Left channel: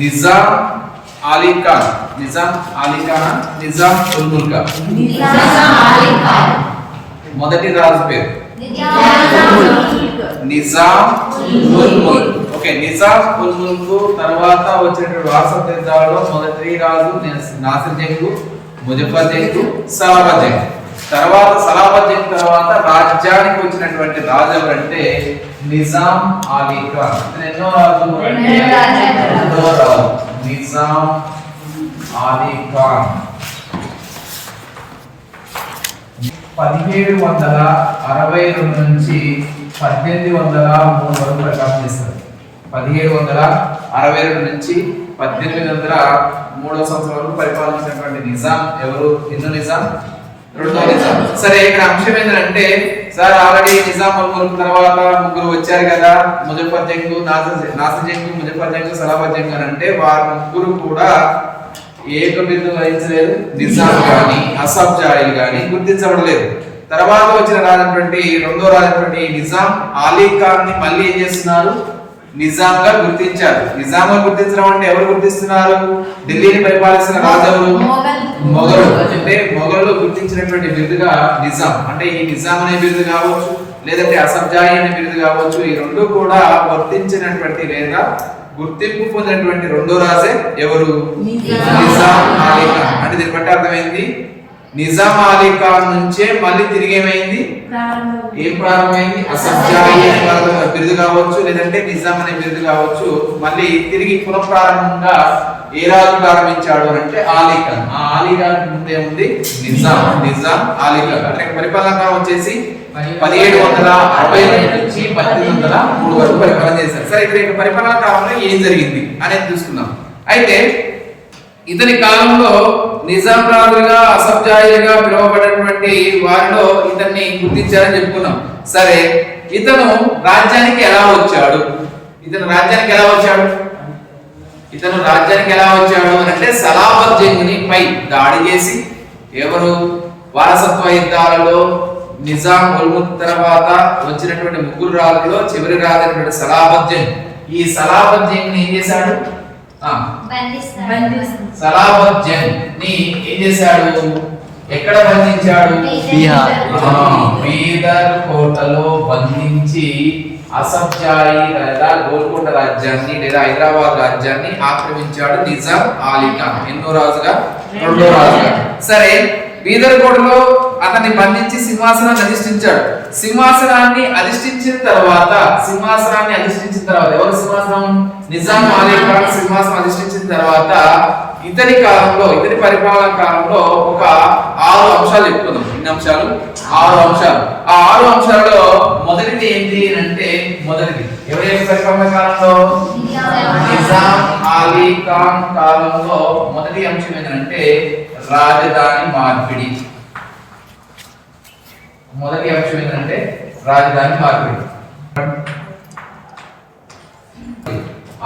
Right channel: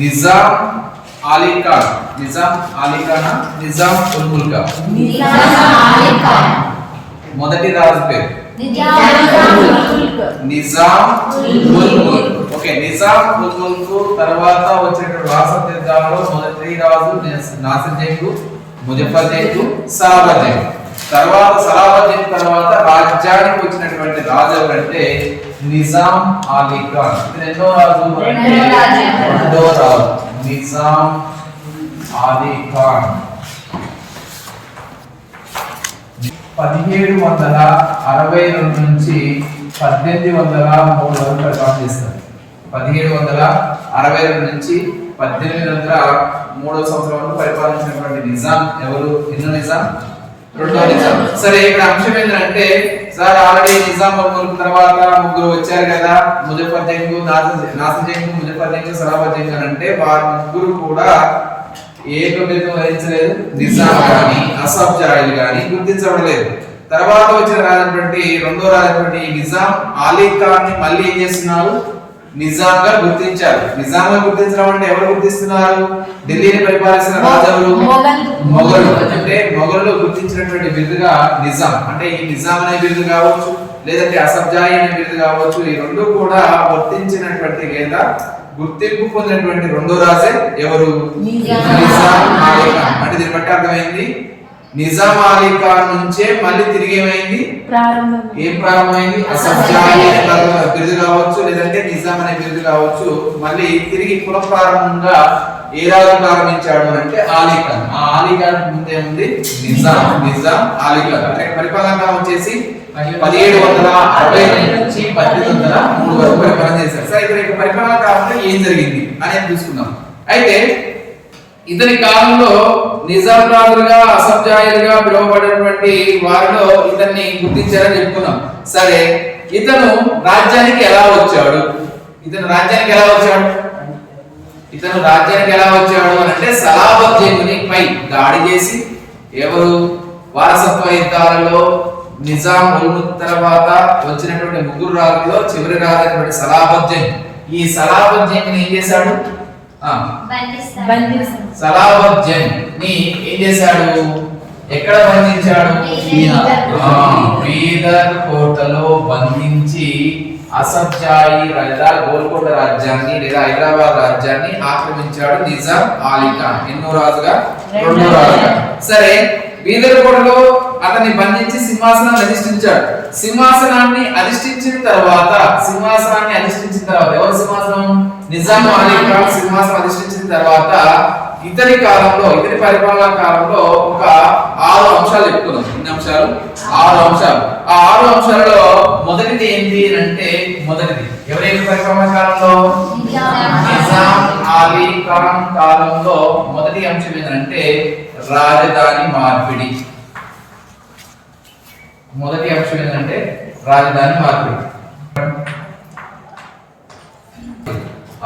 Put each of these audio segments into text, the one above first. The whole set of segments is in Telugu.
నిజాం అలీ ఖాన్, నిజాం అలీ ఖాన్, నిజాం ఉల్ ముల్క్, మొదటి రాజు పేరు నిజాం ఉల్ ముల్క్. ఓకే, నిజాం ఉల్ ముల్క్ తర్వాత వచ్చినటువంటి వారసత్వాలలో మొదటి రాజు నాసిర్ జంగ్, ముజఫర్ జంగ్, సలాబత్ జంగ్. తర్వాత సలాబత్ జంగ్ తర్వాత రాజ్యానికి వచ్చినటువంటి రాజు ఎవరంటే నిజాం అలీ ఖాన్. ఇది ఎన్నో రాజు? రెండో రాజు నిజాం అలీ ఖాన్. 1762 నుంచి 1803 వరకు పరిపాలన చేస్తారు. 1762 నుంచి 1803 సంవత్సరం వరకు పరిపాలించినటువంటి నిజాం ఎవరు? ఎన్నో నిజాం? రెండో నిజాం. సరే, ఇక్కడ అంశం ఏంటంటే సార్ ఆల్రెడీ నిజాం ఉల్ ముల్క్ తర్వాత ముగ్గురు వచ్చారు కదా, ముజఫర్ జంగ్, నాసిర్ జంగ్, ముజఫర్ జంగ్, సలాబత్ జంగ్ అని అంటే వారు ముగ్గురు కూడా ఏ ప్రభుత్వం వహించలేదు. నిజాం గాని అసఫ్ జాహీల్ గాని గుర్తించబడలేదు. తర్వాత వచ్చిన రాజైనటువంటి రెండో రాజైనటువంటి నిజాం అలీ ఖాన్ ని మళ్ళీ ఏం చేస్తున్నారు? నిజాంగా గుర్తించారు. నిజాంగా గుర్తించడం అంటే ఎవరు గుర్తిస్తున్నారు? ఢిల్లీని పరిపాలిస్తున్న రాజులు మొఘలు. అంటే మొఘలు గుర్తించినటువంటి బిరుదుగా నిజాం. అంటే ఈ నిజాం అనే బిరుదు కావచ్చు, లేదంటే అసఫ్ జాహీ అనే బిరుదు కావచ్చు, ఈ రెండు కూడా వర్తించినటువంటి లేదా గుర్తింపు పొందినటువంటి రెండో రాజే ఎవరు? నిజాం అలీ ఖాన్. అంటే దీన్ని బట్టి అర్థమైంది నిజాం అలీ ఖాన్ నుంచే మళ్ళీ తిరిగి ఏమైంది? ఏం ప్రారంభమైంది? అసఫ్ జాహీ అనే బిరుదు కావచ్చు, లేదంటే నిజాం అనే బిరుదు కావచ్చు, మళ్ళీ తిరిగి పునఃప్రారంభంగా ఏ రాజు ప్రారంభించాడు అంటే అలీ ఖాన్. ఆ అలీ ఖాన్ ముందే ఉంది నిజాం. నిజాం అలీ ఖాన్ పరిపాలన కాలం వచ్చేసి 1762 నుంచి 1803 వరకు పరిపాలన చేశారు. సరే, ఇక్కడ పరిపాలన కాలంలో ఏం జరిగింది అనేది చూసుకుందాం. అయితే ఇతని కాలంలో నిజాం రాజుగా అసఫ్ జాహీలుగా పిలువబడినటువంటి వారిలో ఇతన్ని గుర్తించారని చెప్పుకున్నాం. సరే, ఇతను రాజ్యానికి ఎలా వచ్చాడు? ఇతను రాజ్యానికి ఎలా వచ్చాడు అని అంటే సలాబత్ జంగ్ పై దాడి చేసి, ఎవరు? వారసత్వ యుద్ధాలలో నిజాం ఉల్ ముల్క్ తర్వాత వచ్చినటువంటి ముగ్గురు రాజుల్లో చివరి రాజు అయినటువంటి సలాబత్ జంగ్. ఈ సలాబత్ జంగ్ ని ఏం చేశాడు? సలాబత్ జంగ్ ని ఏం చేశాడు? ఎక్కడ బంధించాడు? బీదర్ కోటలో బంధించి అసఫ్ జాహీ లేదా గోల్కొండ రాజ్యాన్ని లేదా హైదరాబాద్ రాజ్యాన్ని ఆక్రమించాడు నిజాం అలీ ఖాన్. ఎన్నో రాజుగా? రెండో రాజుగా. సరే, బీదర్ కోటలో అతన్ని బంధించి సింహాసనాన్ని అధిష్ఠించాడు. సింహాసనాన్ని అధిష్ఠించిన తర్వాత ఎవరు సింహాసనం? నిజాం అలీ ఖాన్ సింహాసనం అధిష్ఠించిన తర్వాత ఇతని పరిపాలనా కాలంలో ఒక 6 అంశాలు చెప్తున్నాం. ఎన్ని అంశాలు? 6 అంశాలు. ఆ 6 అంశాలలో మొదటిది ఏంటి అంటే ఎవరి పరిపాలనా కాలంలో? నిజాం అలీ ఖాన్ కాలంలో మొదటి అంశం ఏంటంటే రాజధాని మార్పిడి.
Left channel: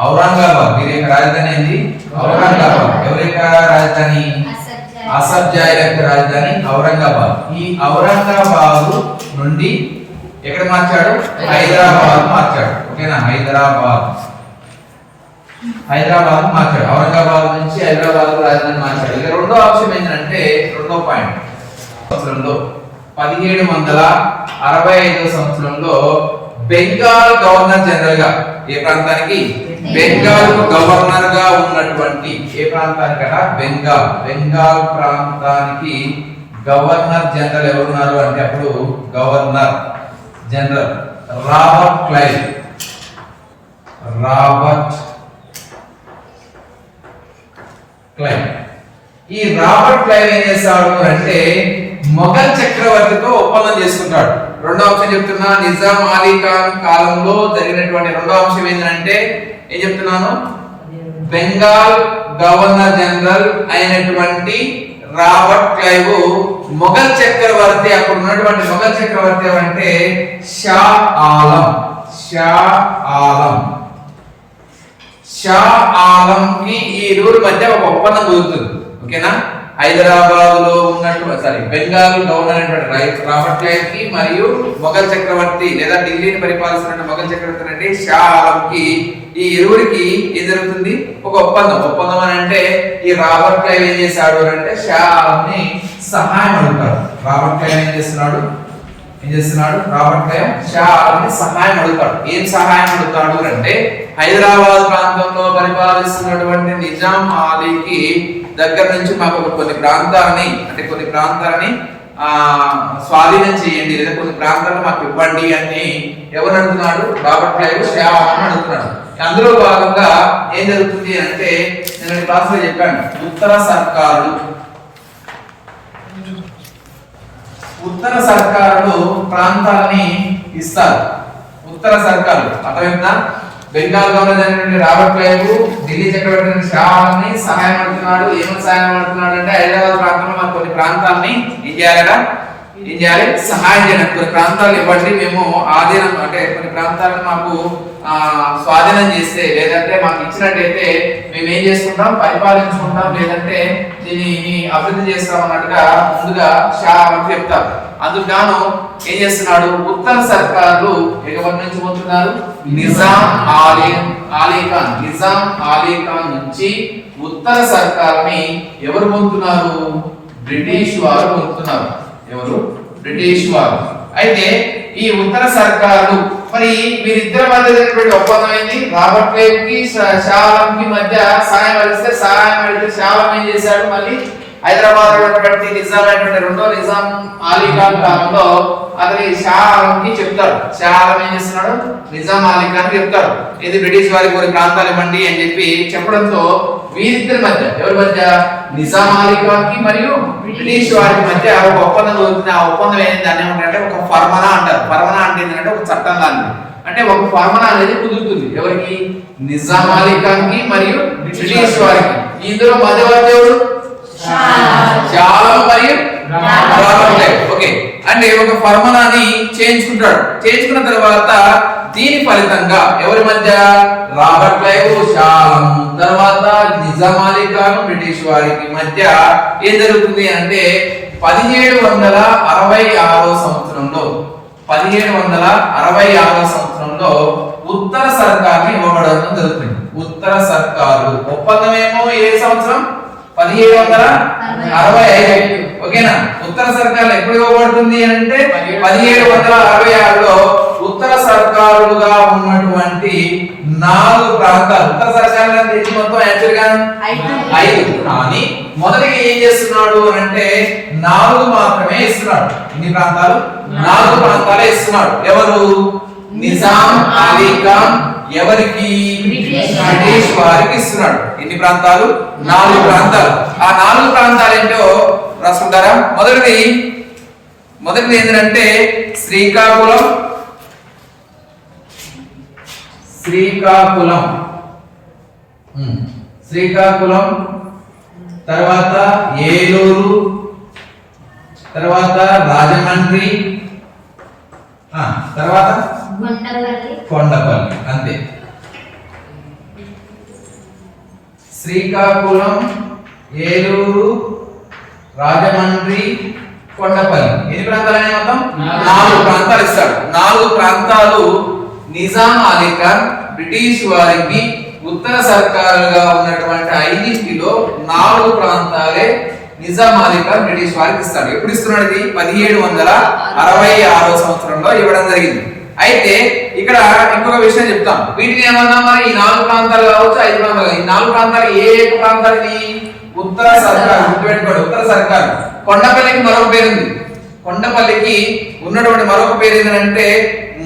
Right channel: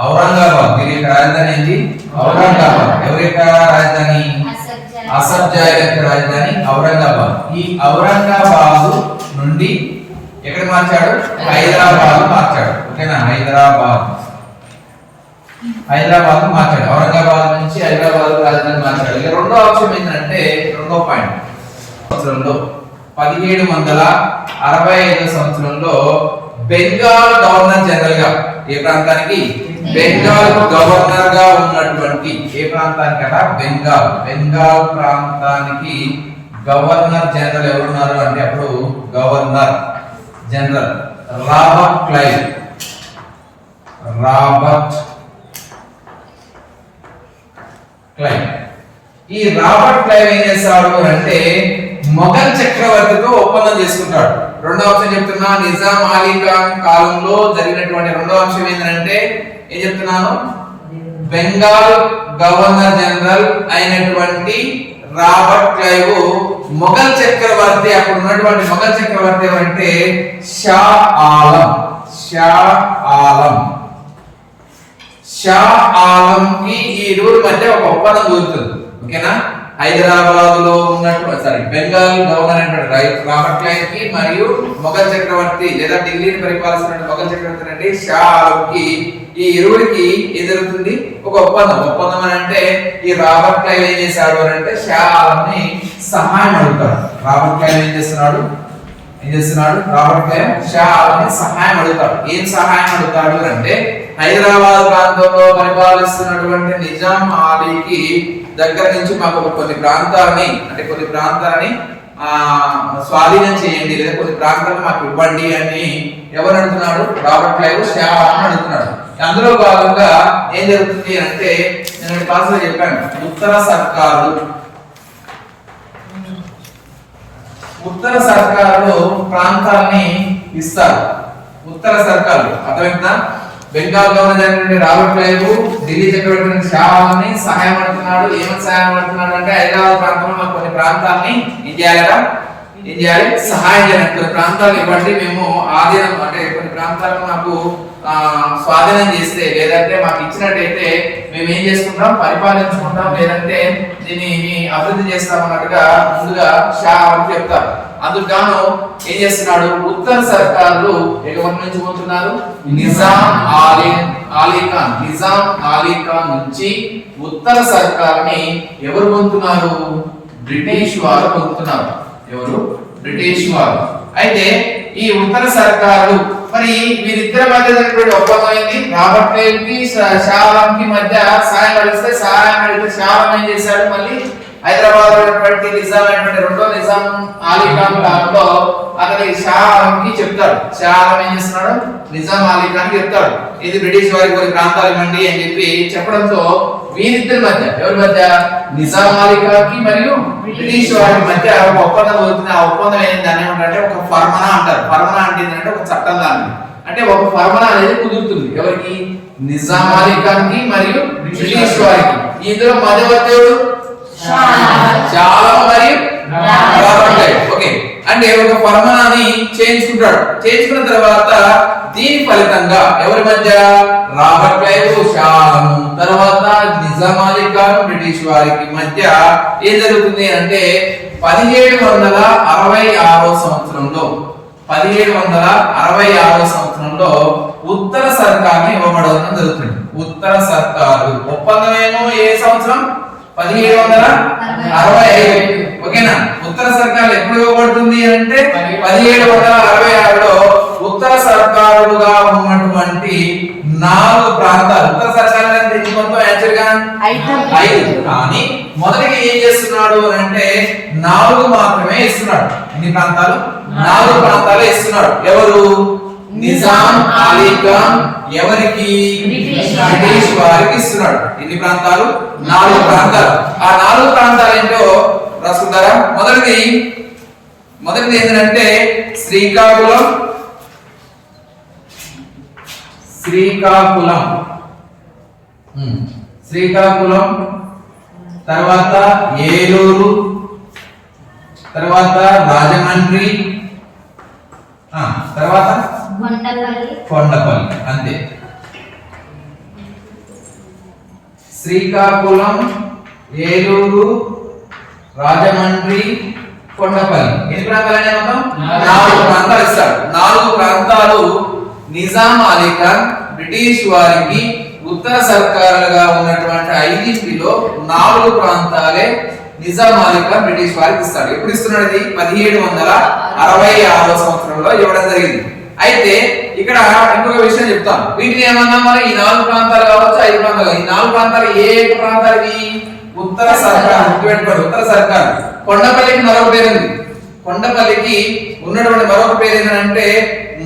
ఔరంగాబాద్. దీని యొక్క రాజధాని ఏంటి? ఔరంగాబాద్. ఎవరి యొక్క రాజధాని? అసఫ్ జాహీ యొక్క రాజధాని ఔరంగాబాద్. ఈ ఔరంగాబాద్ నుండి ఎక్కడ మార్చాడు? హైదరాబాద్ మార్చాడు. ఓకేనా? హైదరాబాద్ మార్చాడు. ఔరంగాబాద్ నుంచి హైదరాబాద్ రాజధాని మార్చాడు. ఇక రెండో అంశం ఏంటంటే రెండో పాయింట్ 1765 సంవత్సరంలో బెంగాల్ గవర్నర్ జనరల్ గా ఏ ప్రాంతానికి? బెంగాల్ గవర్నర్ గా ఉన్నటువంటి ఏ ప్రాంతానికట? బెంగాల్ ప్రాంతానికి గవర్నర్ జనరల్ ఎవరున్నారు అంటే అప్పుడు గవర్నర్ జనరల్ రాబర్ట్ క్లైవ్. ఈ రాబర్ట్ క్లైవ్ ఏం చేస్తాడు అంటే మొఘల్ చక్రవర్తితో ఒప్పందం చేసుకుంటాడు. రెండో అంశం చెప్తున్నా, నిజాం అలీ ఖాన్ కాలంలో జరిగినటువంటి రెండో అంశం ఏంటంటే ఏం చెప్తున్నాను? బెంగాల్ గవర్నర్ జనరల్ అయినటువంటి రాబర్ట్ క్లైవ్ మొఘల్ చక్రవర్తి, అప్పుడు ఉన్నటువంటి మొఘల్ చక్రవర్తి అంటే షా ఆలం కి ఈ ఇరువురి మధ్య ఒక ఒప్పందం కుదురుతుంది. ఓకేనా? హైదరాబాద్ లో ఉన్నటువంటి బెంగాల్ గవర్నర్ అయినటువంటి రాబర్ట్ క్లైవ్ కి మరియు మొఘల్ చక్రవర్తి లేదా ఢిల్లీని పరిపాలిస్తున్న మొఘల్ చక్రవర్తి అంటే షా ఆలం కి ఈ ఇరువురికి ఏం జరుగుతుంది ఒక ఒప్పందం అని అంటే ఈ రాబర్ట్ క్లైవ్ ఏం చేశాడు అంటే షా ఆలం ని సహాయం అడుగుతాడు. రాబర్ట్ క్లైవ్ ఏం చేస్తున్నాడు రాబర్ట్ క్లైవ్ షా ఆలం ని సహాయం అడుగుతాడు. ఏం సహాయం అడుగుతాడు అంటే హైదరాబాద్ ప్రాంతంలో పరిపాలిస్తున్నటువంటి నిజాం ఆలీకి దగ్గర నుంచి మాకు కొన్ని ప్రాంతాలని స్వాధీనం చేయండి లేదా కొన్ని ప్రాంతాలను మాకు ఇవ్వండి అని ఎవరు అడుగుతున్నాడు? రాబర్ట్ క్లైవ్ షా ఆలం అడుగుతున్నాడు. అందులో భాగంగా ఏం జరుగుతుంది అంటే నేను క్లాస్ లో చెప్పాను, ఉత్తర సర్కారులు ప్రాంతాలని ఇస్తారు. ఉత్తర సర్కారులు అర్థమైందా? బెంగాల్ గవర్నర్ నుండి రాబర్ట్ క్లైవ్ ఢిల్లీ చక్రవర్తి షా ఆలంని సహాయం అడుగుతున్నాడు. ఏమని సహాయం అడుగుతున్నాడు అంటే హైదరాబాద్ ప్రాంతంలో మాకు కొన్ని ప్రాంతాలని ఏం చేయాలి సహాయం చేయాలి. కొన్ని ప్రాంతాలు ఇవ్వండి, మేము ఆధీనం అంటే కొన్ని ప్రాంతాలను మాకు స్వాధీనం చేస్తే లేదంటే మాకు ఇచ్చినట్టయితే మేము ఏం చేసుకుంటాం, పరిపాలించుకుంటాం, లేదంటే దీన్ని అభివృద్ధి చేస్తాం అన్నట్టుగా ముందుగా షా ఆలం చెప్తారు. అందుకు గాను ఏం చేస్తున్నాడు, ఉత్తర సర్కార్లు ఎవరి నుంచి పోతున్నారు? నిజాం ఆలీ ఖాన్ నుంచి ఉత్తర సర్కార్ని ఎవరు పొందుతున్నారు? బ్రిటిష్ వారు పొందుతున్నారు. ఎవరు? బ్రిటిష్ వారు. అయితే ఈ ఉత్తర సర్కారు మరి వీరిద్దరి మధ్య జరిగినటువంటి ఒప్పందం ఏంది? రాబర్ట్ క్లైవ్ కి షా ఆలం కి మధ్య సహాయం అడిగితే షా ఆలం ఏం చేశాడు, మళ్ళీ హైదరాబాద్ ఉన్నటువంటి నిజాం అయినటువంటి రెండో నిజాం ఆలీ ఖాన్ కాలంలో అతని షా ఆలం కి చెప్తాడు. షా ఆలం ఏం చేస్తున్నాడు? నిజాం ఆలీ ఖాన్ కి చెప్తాడు, ఇది బ్రిటిష్ వారికి కొన్ని ప్రాంతాలు ఇవ్వండి అని చెప్పి చెప్పడంతో వీరిద్దరి మధ్య ఎవరి మధ్య? నిజాం ఆలీ ఖాన్ కి మరియు బ్రిటిష్ వారి మధ్య ఒక ఒప్పందం అవుతుంది. ఆ ఒప్పందం ఏంటి? దాన్ని ఏమంటారంటే ఒక ఫర్మనా అంటారు. ఫర్మనా అంటే ఏంటంటే ఒక చట్టం లాంటిది. అంటే ఒక ఫర్మనా అనేది కుదురుతుంది ఎవరికి? నిజాం ఆలీ ఖాన్ కి మరియు బ్రిటిష్ వారికి. ఇందులో మధ్యవర్తి ఎవరు? షా ఆలం మరియు రాబర్ట్ క్లైవ్. ఓకే, అంటే ఒక ఫర్మానాన్ని చేయించుకున్న తర్వాత దీని ఫలితంగా ఎవరి మధ్య? రాబర్ట్ క్లైవ్ షా ఆలం తర్వాత నిజాం ఆలీ ఖాన్ బ్రిటిష్ వారికి మధ్య ఏం జరుగుతుంది అంటే 1766 సంవత్సరంలో ఉత్తర సర్కారు ఇవ్వబడడం జరుగుతుంది. ఉత్తర సర్కారు ఒప్పందమేమో ఏ సంవత్సరం? 1765. ఓకేనా? ఉత్తర సర్కారు ఎప్పుడు ఇవ్వబడుతుంది అంటే 1766లో ఉత్తర సర్కారులుగా ఉన్నటువంటి 4 ప్రాంతాలు. ఉత్తర సర్కారు అంటే మొత్తం యాక్చువల్ గా 5, కానీ మొదటిగా ఏం చేస్తున్నాడు అంటే 4 మాత్రమే ఇస్తున్నాడు. ఎన్ని ప్రాంతాలు? 4 ప్రాంతాలే ఇస్తున్నాడు. ఎవరు? నిజాం ఆలీ ఖాన్ ఎవరికి? బ్రిటిష్ వారికి ఇస్తున్నాడు. ఎన్ని ప్రాంతాలు? 4 ప్రాంతాలు. ఆ 4 ప్రాంతాలు ఏంటో రాసుకుంటారా? మొదటిది ఏంటంటే శ్రీకాకుళం, తర్వాత ఏలూరు, తర్వాత రాజమండ్రి, తర్వాత కొండపల్లి. అంతే. శ్రీకాకుళం, ఏలూరు, రాజమండ్రి, కొండపల్లి. ఎన్ని ప్రాంతాలు అయినా మొత్తం? 4 ప్రాంతాలు ఇస్తాడు. 4 ప్రాంతాలు నిజాం ఆలీ ఖాన్ బ్రిటిష్ వారికి ఉత్తర సర్కారులుగా ఉన్నటువంటి 5లో 4 ప్రాంతాలే నిజాం ఆలీ ఖాన్ బ్రిటిష్ వారికి ఇస్తాడు. ఎప్పుడు ఇస్తున్నాడు? 1766 సంవత్సరంలో ఇవ్వడం జరిగింది. అయితే ఇక్కడ ఇంకొక విషయం చెప్తాను. వీటిని ఏమన్నా మరి ఈ 4 ప్రాంతాలు కావచ్చు, 5 ప్రాంతాలు. ఈ 4 ప్రాంతాలు ఏ ప్రాంతాలు? ఉత్తర సర్కారు. గుర్తుపెట్టుకోండి, ఉత్తర సర్కారు. కొండపల్లికి మరొక పేరు ఉంది. కొండపల్లికి ఉన్నటువంటి మరొక పేరు ఏంటంటే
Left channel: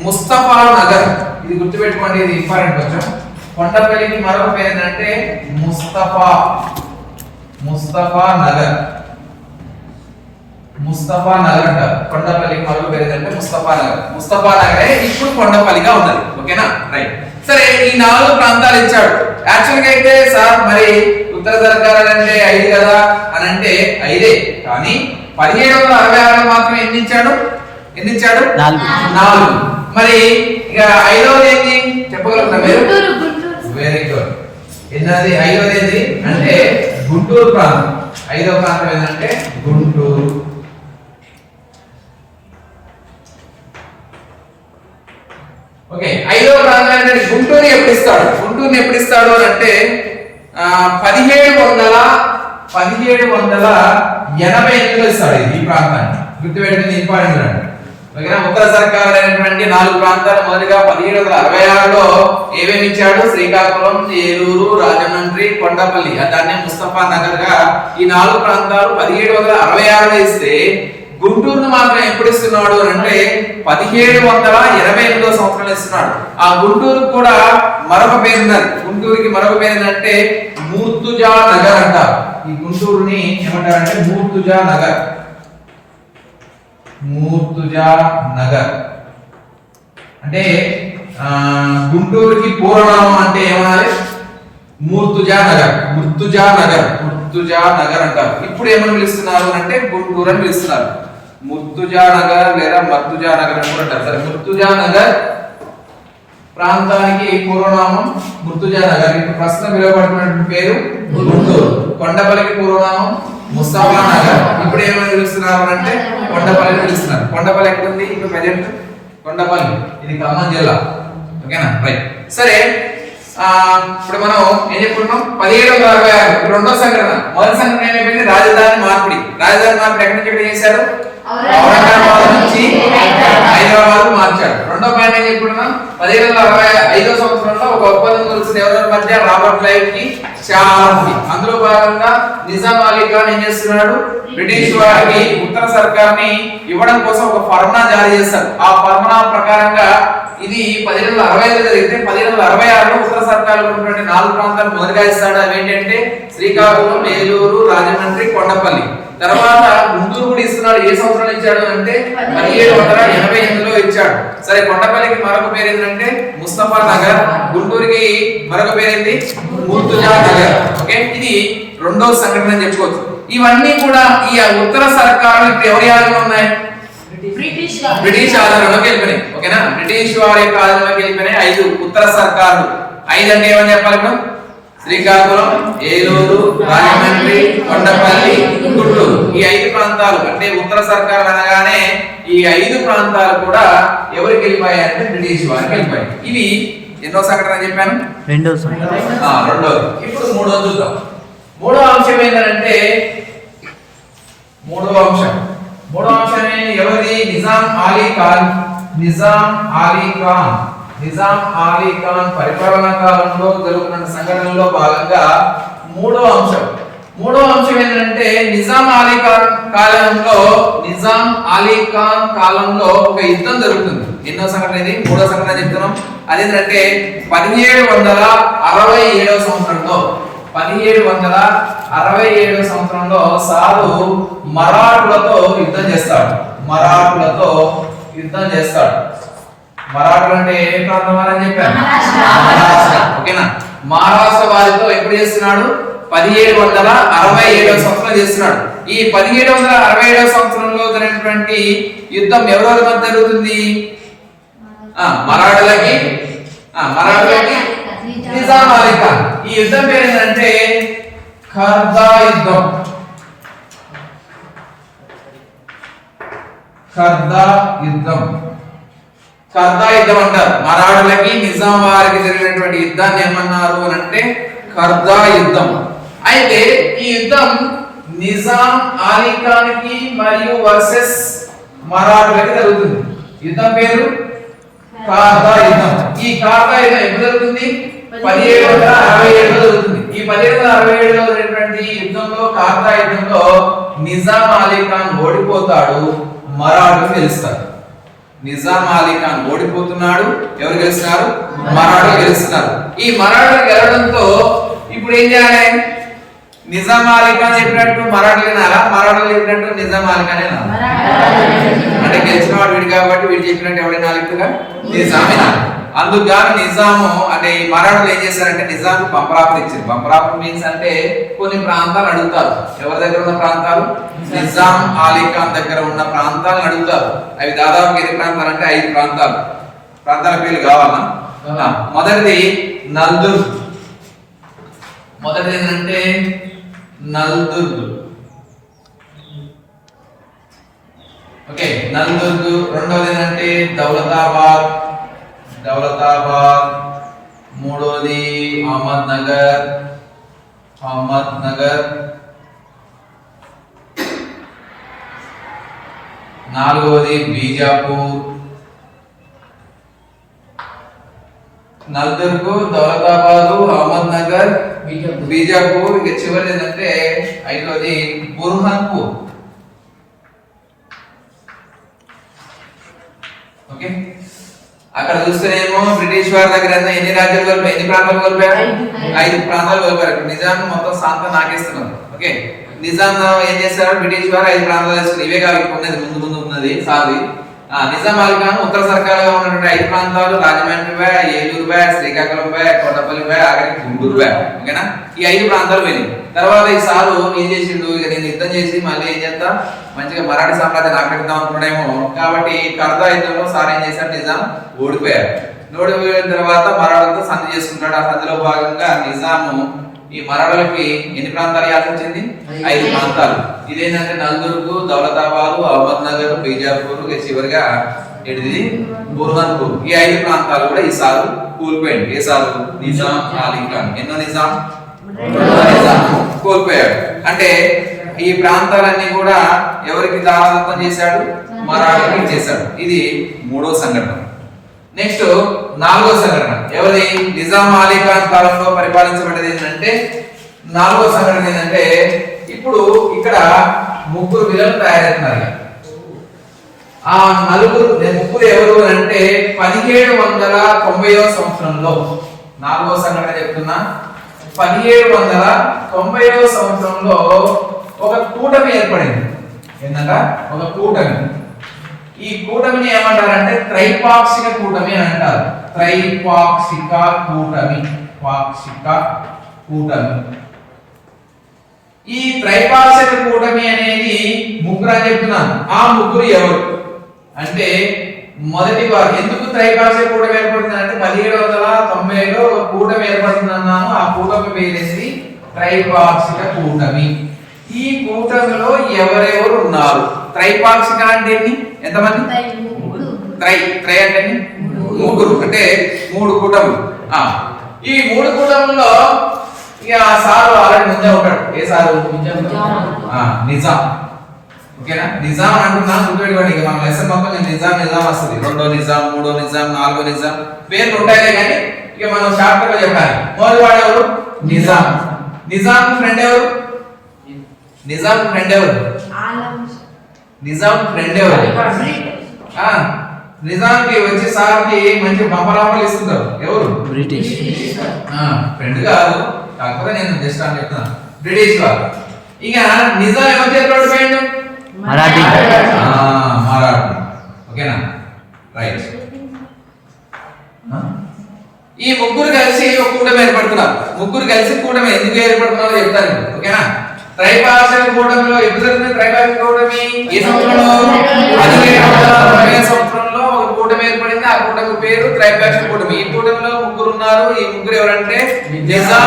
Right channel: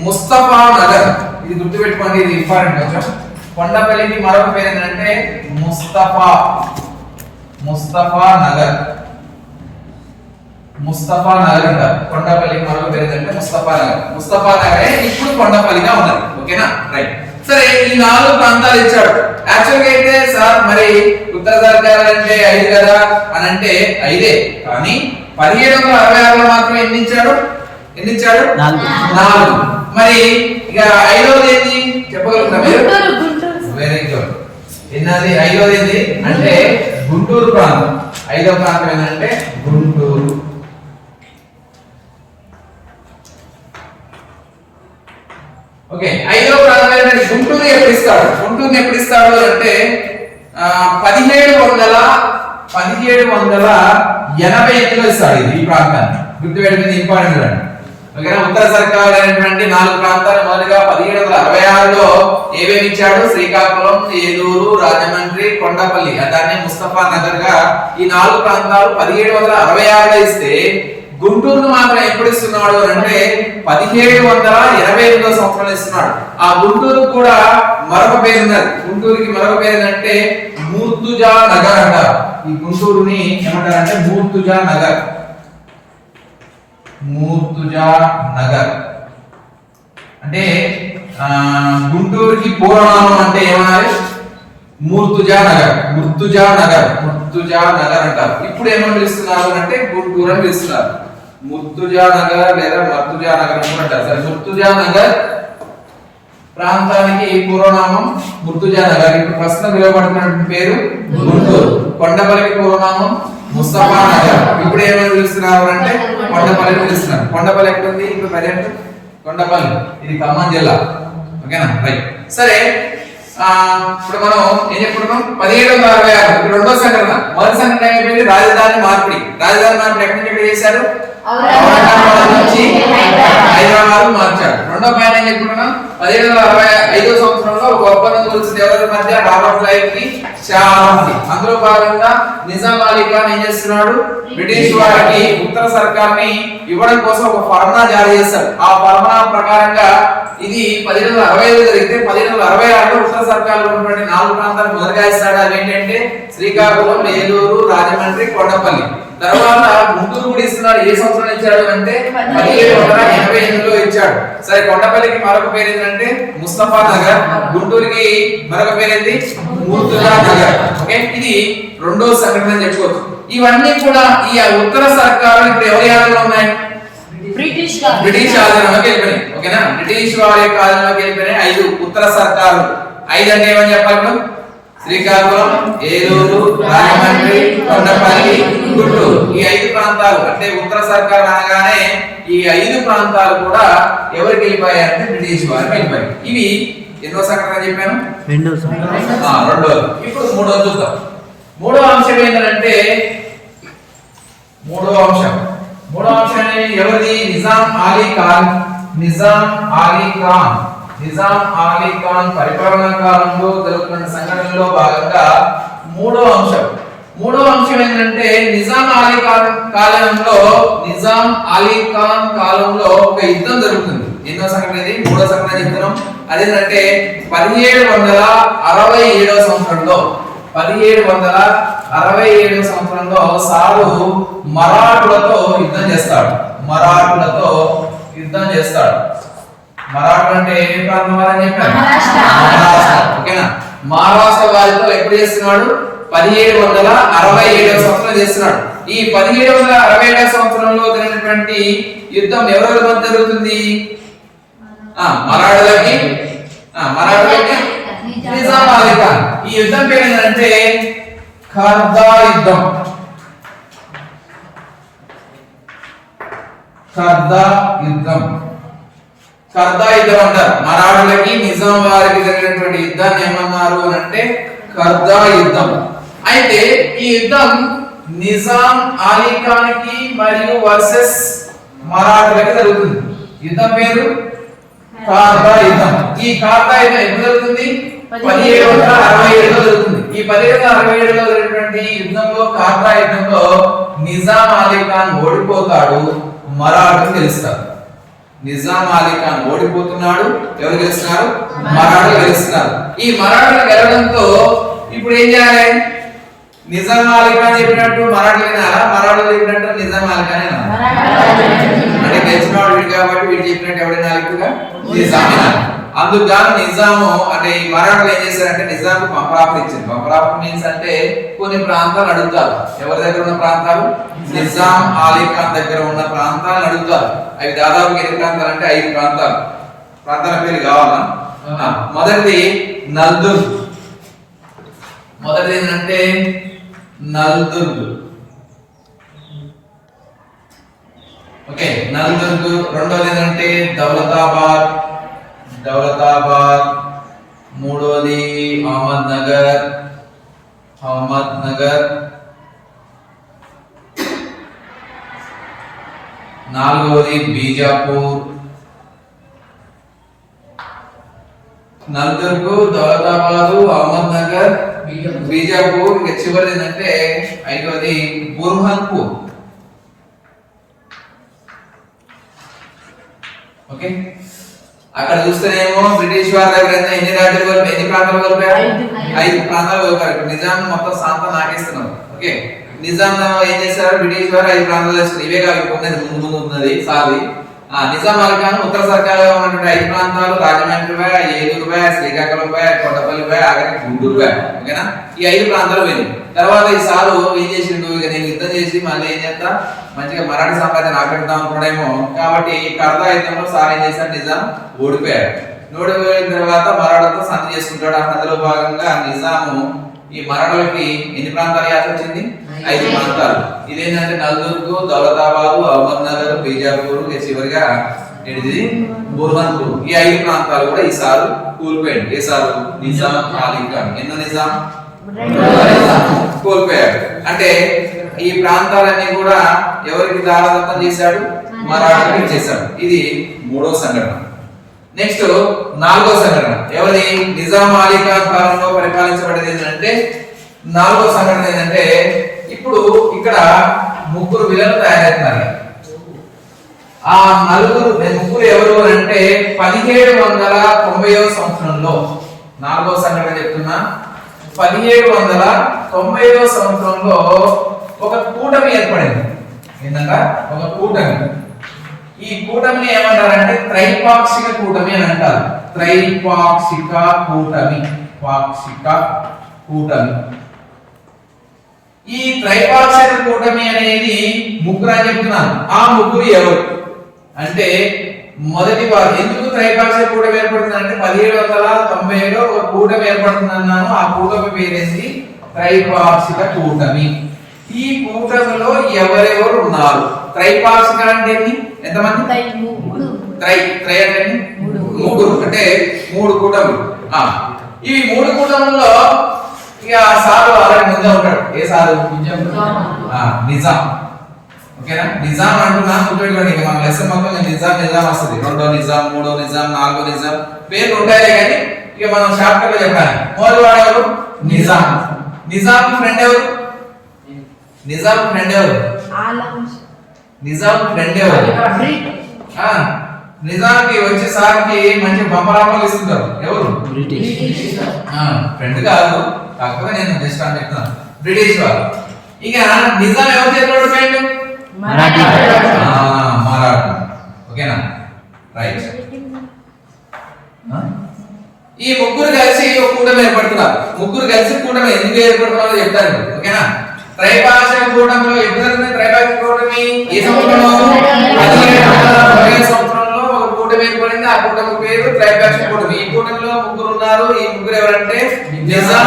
ముస్తఫా నగర్. ఇది గుర్తుపెట్టుకోండి, ఇది ఇంపార్టెంట్ కొంచెం. కొండపల్లికి మరొక పేరు ఏంటంటే ముస్తఫా నగర్. ముస్తఫా నగర్ అంటారు. కొండపల్లికి మరొక పేరు ఏంటంటే ముస్తఫా నగరే ఇప్పుడు కొండపల్లిగా ఉన్నది. ఓకేనా? రైట్. సరే, ఈ 4 ప్రాంతాలు ఇచ్చాడు. యాక్చువల్ గా అయితే సార్ మరి ఉత్తర సర్కారు అంటే 5 కదా అని అంటే 5, కానీ 1766లో మాత్రం ఎన్ని ఇచ్చాడు? 4. మరి ఇక 5వది ఏంటి చెప్పగలుగుతారా మీరు? Very good. ఎన్నది? 5వది ఏంటి అంటే గుంటూరు ప్రాంతం. ఐదవ ప్రాంతం ఏంటంటే గుంటూరు. ఓకే, ఐదవ ప్రాంతం ఏంటంటే గుంటూరు ఎప్పుడు ఇస్తాడు? గుంటూరుని ఎప్పుడు ఇస్తాడు అంటే 1788లో ఇస్తాడు ఈ ప్రాంతాన్ని. గుర్తుపెట్టుకుని ఇంపార్టెంట్ అండి. ఓకేనా? ఉత్తర సర్కార్ అయినటువంటి 4 ప్రాంతాలు మొదలుగా 1766లో ఏమేమి ఇచ్చాడు? శ్రీకాకుళం, ఏలూరు, రాజమండ్రి, కొండపల్లి, దాన్ని ముస్తఫా నగర్ గా ఈ 4 ప్రాంతాలు 1766లో ఇస్తే గుంటూరును మాత్రం ఎప్పుడు ఇస్తున్నాడు అంటే 1728లో సంవత్సరంలో ఇస్తున్నాడు. ఆ గుంటూరు కూడా మరొక పేరు ఉన్నది. గుంటూరుకి మరొక పేరు ఏంటంటే మూర్తుజా నగర్ అంటారు. ఈ గుంటూరుని ఏమంటారంటే మూర్తుజా నగర్. మూర్తుజా నగర్ అంటే గుంటూరుకి పూర్వనామం అంటే ఏమనాలి? మూర్తుజా నగర్. ముర్తుజా నగర్, ముర్తుజా నగర్ అంటారు. ఇప్పుడు ఏమని పిలుస్తున్నారు అంటే గుంటూరు అని పిలుస్తున్నారు. ముర్తుజా నగర్ లేదా మర్తుజా నగర్ అని కూడా అంటారు. సరే, ముర్తుజా నగర్ ప్రాంతానికి పూర్వనామం ముర్తుజా నగర్. ఇప్పుడు ప్రస్తుతం పిలువబడుతున్నటువంటి పేరు గుంటూరు. కొండపల్లికి పూర్వనామం ముస్తఫా నగర్. ఇప్పుడు ఏమని పిలుస్తున్నారు అంటే కొండపల్లి పిలుస్తున్నారు. కొండపల్లి ఎక్కడ ఉంది ఇప్పుడు ప్రజెంట్? కొండపల్లి, ఇది ఖమ్మం జిల్లా. ఓకేనా? రైట్. సరే, ఇప్పుడు మనం ఏం చెప్పుకున్నాం? 1766 రెండో సంఘటన. మొదటి సంఘటన ఏమైపోయింది? రాజధాని మార్పిడి. రాజధాని మార్పిడి ఎక్కడి నుంచి ఎక్కడ చేశారు? ఔరంగాబాద్ నుంచి హైదరాబాద్ మార్చారు. రెండో పాయింట్ ఏం చెప్పుకున్నాం? 1765 సంవత్సరంలో ఒక ఒప్పందం కుదిరింది ఎవరి మధ్య? రాబర్ట్ క్లైవ్ కి షా ఆలంకి. అందులో భాగంగా నిజాం అలీ ఖాన్ ఏం చేస్తున్నాడు? బ్రిటిష్ వారికి ఉత్తర సర్కార్ని ఇవ్వడం కోసం ఒక ఫర్మానా జారీ చేశారు. ఆ ఫర్మానా ప్రకారంగా ఇది 1765లో జరిగితే 1766లో ఉత్తర సర్కార్లో ఉన్నటువంటి 4 ప్రాంతాలు మొదలుగా ఇస్తాడు. అవి ఏంటంటే శ్రీకాకుళం, ఏలూరు, రాజమండ్రి, కొండపల్లి. తర్వాత గుంటూరు కూడా ఇస్తున్నాడు. ఏ సంవత్సరంలో ఇచ్చాడు అంటే 1788లో ఇచ్చాడు. సరే, కొండపల్లికి మరొక పేరు ఏంటంటే ముస్తఫా నగర్. గుంటూరుకి మరొక పేరు ఏంటి? మూర్తుజా నగర్. ఓకే, ఇది రెండో సంఘటన అని చెప్పుకోవచ్చు. ఇవన్నీ కూడా ఈ ఉత్తర సర్కారు ఇప్పుడు ఎవరి ఆధీనంలో ఉన్నాయి? బ్రిటిష్ ఆధీనంలోకి వెళ్ళిపోయినాయి. ఓకేనా? బ్రిటిష్ వారి యొక్క ఆధీనంలోకి వెళ్ళిపోయినాయి 5 ఉత్తర సర్కారు. 5 అంటే ఏమని చెప్పాలి మనం? శ్రీకాకుళం, ఏలూరు, రాజమండ్రి, కొండపల్లి, గుంటూరు. ఈ 5 ప్రాంతాలు అంటే ఉత్తర సర్కార్ అనగానే ఈ 5 ప్రాంతాలు కూడా ఎవరికి వెళ్ళిపోయాయి అంటే బ్రిటిష్ వారికి వెళ్ళిపోయాయి. ఇవి ఎన్నో సంఘటన చెప్పాను? రెండోది. ఇప్పుడు మూడోది చూద్దాం. మూడో అంశం ఏంటంటే మూడో అంశం ఎవరిది? నిజాం అలీ ఖాన్. నిజాం అలీ ఖాన్ పరిపాలనా కాలంలో జరుగుతున్న సంఘటనలో భాగంగా మూడో అంశం ఏంటంటే నిజాం అలీ ఖాన్ కాలంలో ఒక యుద్ధం జరుగుతుంది. ఎన్నో సంఘటన ఇది? మూడో సంఘటన చెప్తున్నాం. అదేంటంటే 1767 సంవత్సరంలో 1767 సంవత్సరంలో సారు మరాఠులతో యుద్ధం చేస్తాడు. మరాఠులు అంటే ఏ ప్రాంతం అని చెప్పాను? మహారాష్ట్ర. ఓకేనా? మహారాష్ట్ర వారితో ఎప్పుడు చేస్తున్నాడు? 1767 సంవత్సరం చేస్తున్నాడు. ఈ 1767 సంవత్సరంలో జరిగినటువంటి యుద్ధం ఎవరెవరి మధ్య జరుగుతుంది? మరాఠులకి నిజాం అలీ ఖాన్. ఈ యుద్ధం పేరు ఏంటంటే ఖర్దా యుద్ధం. ఖర్దా యుద్ధం అంటారు. మరాఠులకి నిజాం వారికి జరిగినటువంటి యుద్ధాన్ని ఏమన్నారు అంటే ఖర్దా యుద్ధం. అయితే ఈ యుద్ధం నిజాం అలీ ఖాన్ కి మరియు వర్సెస్ మరాఠులకి జరుగుతుంది. యుద్ధం పేరు ఖర్దా యుద్ధం. ఈ ఖర్దా యుద్ధం ఎప్పుడు జరుగుతుంది? 1767లో జరుగుతుంది. ఈ 1767లో జరిగినటువంటి యుద్ధంలో ఖర్దా యుద్ధంలో నిజాం అలీ ఖాన్ ఓడిపోతాడు, మరాఠులు గెలుస్తారు. నిజాం అలీ ఖాన్ ఓడిపోతున్నాడు, ఎవరు గెలుస్తున్నారు? మరాఠులు గెలుస్తున్నారు. ఈ మరాఠులు గెలవడంతో ఇప్పుడు ఏం చేయాలి? నిజాం అలీ ఖాన్ చెప్పినట్టు మరాఠులు వినాలా? మరాఠులు చెప్పినట్టు నిజాం అలీ ఖాన్ వినాలా? అంటే గెలిచిన వాడు వీడు కాబట్టి వీడు చెప్పినట్టు ఎవరైనా ఎక్కువగా నిజాం వినాలి. అందుకు నిజాము అంటే ఈ మరాఠులు ఏం చేశారంటే నిజాం పంపరాపులు ఇచ్చారు. పంపరాపులు మీన్స్ అంటే కొన్ని ప్రాంతాలు అడుగుతారు. ఎవరి దగ్గర ఉన్న ప్రాంతాలు? నిజాం అలీ ఖాన్ దగ్గర ఉన్న ప్రాంతాలను అడుగుతారు. అవి దాదాపు ఎన్ని ప్రాంతాలు అంటే 5 ప్రాంతాలు. ప్రాంతాల పేర్లు కావాలా? మొదటిది నల్దుర్గ్. మొదటిది ఏంటంటే నల్దుర్గ్. ఓకే నల్దుర్గ్. రెండవది ఏంటంటే దౌలతాబాద్, మూడవది అహ్మద్ నగర్, నాలుగవది బీజాపూర్. నల్దుర్గ్, దౌలతాబాద్, అహ్మద్ నగర్, బీజాపూర్. ఇక చివరిది ఏంటంటే ఐదవది బుర్హాన్పూర్. ఓకే అక్కడ చూస్తేనేమో బ్రిటిష్ వారి దగ్గర ఎన్ని రాజ్యాలు కలిపారు, ఎన్ని ప్రాంతాలు కలిపారు? 5 ప్రాంతాలు కలిపారు. నిజాం మొత్తం సాంతం నాకేస్తున్నారు. ఓకే నిజాం ఏం చేశారు? బ్రిటిష్ వారు 5 ప్రాంతాలు చేసుకున్నారు. ఇవే కాదు ఉన్నది ముందు ఉన్నది సాది. నిజాం అలీ ఖాన్ ఉత్తర సర్కార్లో ఉన్నటువంటి 5 ప్రాంతాలు Rajahmundry by, Eluru by, Srikakulam by, Kothapalli by, ఆఖరికి గుంటూరు బై. ఓకేనా ఈ 5 ప్రాంతాలు వెళ్ళింది. తర్వాత ఈ సారు ఏం చేసిండు? ఇక నేను యుద్ధం చేసి మళ్ళీ ఏం చేస్తా మంచిగా మరాఠీ సామ్రాజ్యాన్ని ఆక్రమిద్దాం అనుకున్నాడేమో. కాబట్టి కర్దా యుద్ధంలో సార్ ఏం చేశారు? నిజాం ఓడిపోయాడు. ఓడిపోయిన తర్వాత మరాఠాతో సంధి చేసుకుంటాడు. ఆ సంధిలో భాగంగా నిజాము ఈ మరాఠాలకి ఎన్ని ప్రాంతాలు ఇవ్వాల్సి వచ్చింది? 5 ప్రాంతాలు. ఇదేంటంటే నల్దుర్గ్, దౌలతాబాద్, అహ్మద్ నగర్, బీజాపూర్, చివరిగా ఏంటిది బుర్హాన్పూర్. ఈ 5 ప్రాంతాలు కూడా ఈ సారు కూలిపోయాడు. ఏ సారు? నిజాం అలీ ఖాన్. ఎన్నో నిజాం? కోల్పోయాడు. అంటే ఈ ప్రాంతాలన్నీ కూడా ఎవరికి దారాదత్తం చేశాడు? మరాఠాలకు చేశాడు. ఇది 3వ సంఘటన. నెక్స్ట్ 4వ సంఘటన ఎవరి? నిజాం అలీ ఖాన్ కాలంలో పరిపాలించబడేది ఏంటంటే 4వ సంఘటన ఏంటంటే ఇప్పుడు ఇక్కడ 3 విలన్లు తయారవుతున్నారు. ఆ ముగ్గురు ఎవరు అంటే 1790వ సంవత్సరంలో 4వ సంఘటన చెప్తున్నా. 1790వ సంవత్సరంలో ఒక కూటమి ఏర్పడింది. ఏంటంట? ఒక కూటమి. ఈ కూటమిని ఏమంటారంటే త్రైపాక్షిక కూటమి అని అంటారు. త్రైపాక్షిక కూటమి, ఈ త్రైపాక్షిక కూటమి అనేది 3 అని చెప్తున్నాను. ఆ 3 ఎవరు అంటే మొదటి వారు. ఎందుకు త్రైపాక్షిక కూటమి ఏర్పడుతుంది అంటే 1790లో ఒక కూటమి ఏర్పడుతుంది అన్నాను. ఆ కూటమి పేరేంటి? త్రైపాక్షిక కూటమి. ఈ కూటమిలో ఎవరెవరు ఉన్నారు? త్రైపాక్షిక అంటే ఎంతమంది? త్రై అంటే 3 అంటే 3 కూటములు. ఈ 3 కూటముల్లో ఇక సారు ఆల్రెడీ ముందే ఉంటాడు. ఏ సారు? నిజాం. ఓకేనా నిజాం అంటున్నా గుర్తుపెట్టుకోండి. ఇక మన లెసన్ మొత్తం నిజాం వస్తుంది. 2వ నిజాం, 3వ నిజాం, 4వ నిజాం పేర్లు ఉంటాయి కానీ ఇక మనం షార్ట్ గా చెప్పాలి. మొదటి వాడు ఎవరు? నిజాం. నిజాం ఫ్రెండ్ ఎవరు? నిజాం ఫ్రెండ్ ఎవరు? నిజాంకి వచ్చి సార్కి మంచి బంపరాంపలు ఇస్తుంటారు. ఎవరు? బ్రిటిష్. ఫ్రెండ్ కాదు, కాకపోతే నేను జస్ట్ అని చెప్తున్నాను. బ్రిటిష్ వారు. ఇక నిజాం ఎవరి చేతిలో ఓడిపోయాడు? మరాఠీ. ఓకేనా రైట్. ఈ 3 కలిసి ఒక కూటమి ఏర్పడుతున్నారు. 3 కలిసి కూటమి ఎందుకు ఏర్పడుతున్నారో చెప్తారు. ఓకేనా త్రైపాక్షిక కూటమిలో ఎప్పుడు జరిగింది? త్రైపాక్షిక కూటమి ఏ సంవత్సరంలో? 1790వ సంవత్సరంలో ఒక కూటమి ఏర్పడింది. ఆ కూటమి పేరు త్రైపాక్షిక కూటమి. ఈ కూటమిలో 3 ఉన్నారు. ఈ 3 ఎవరంటే నిజాం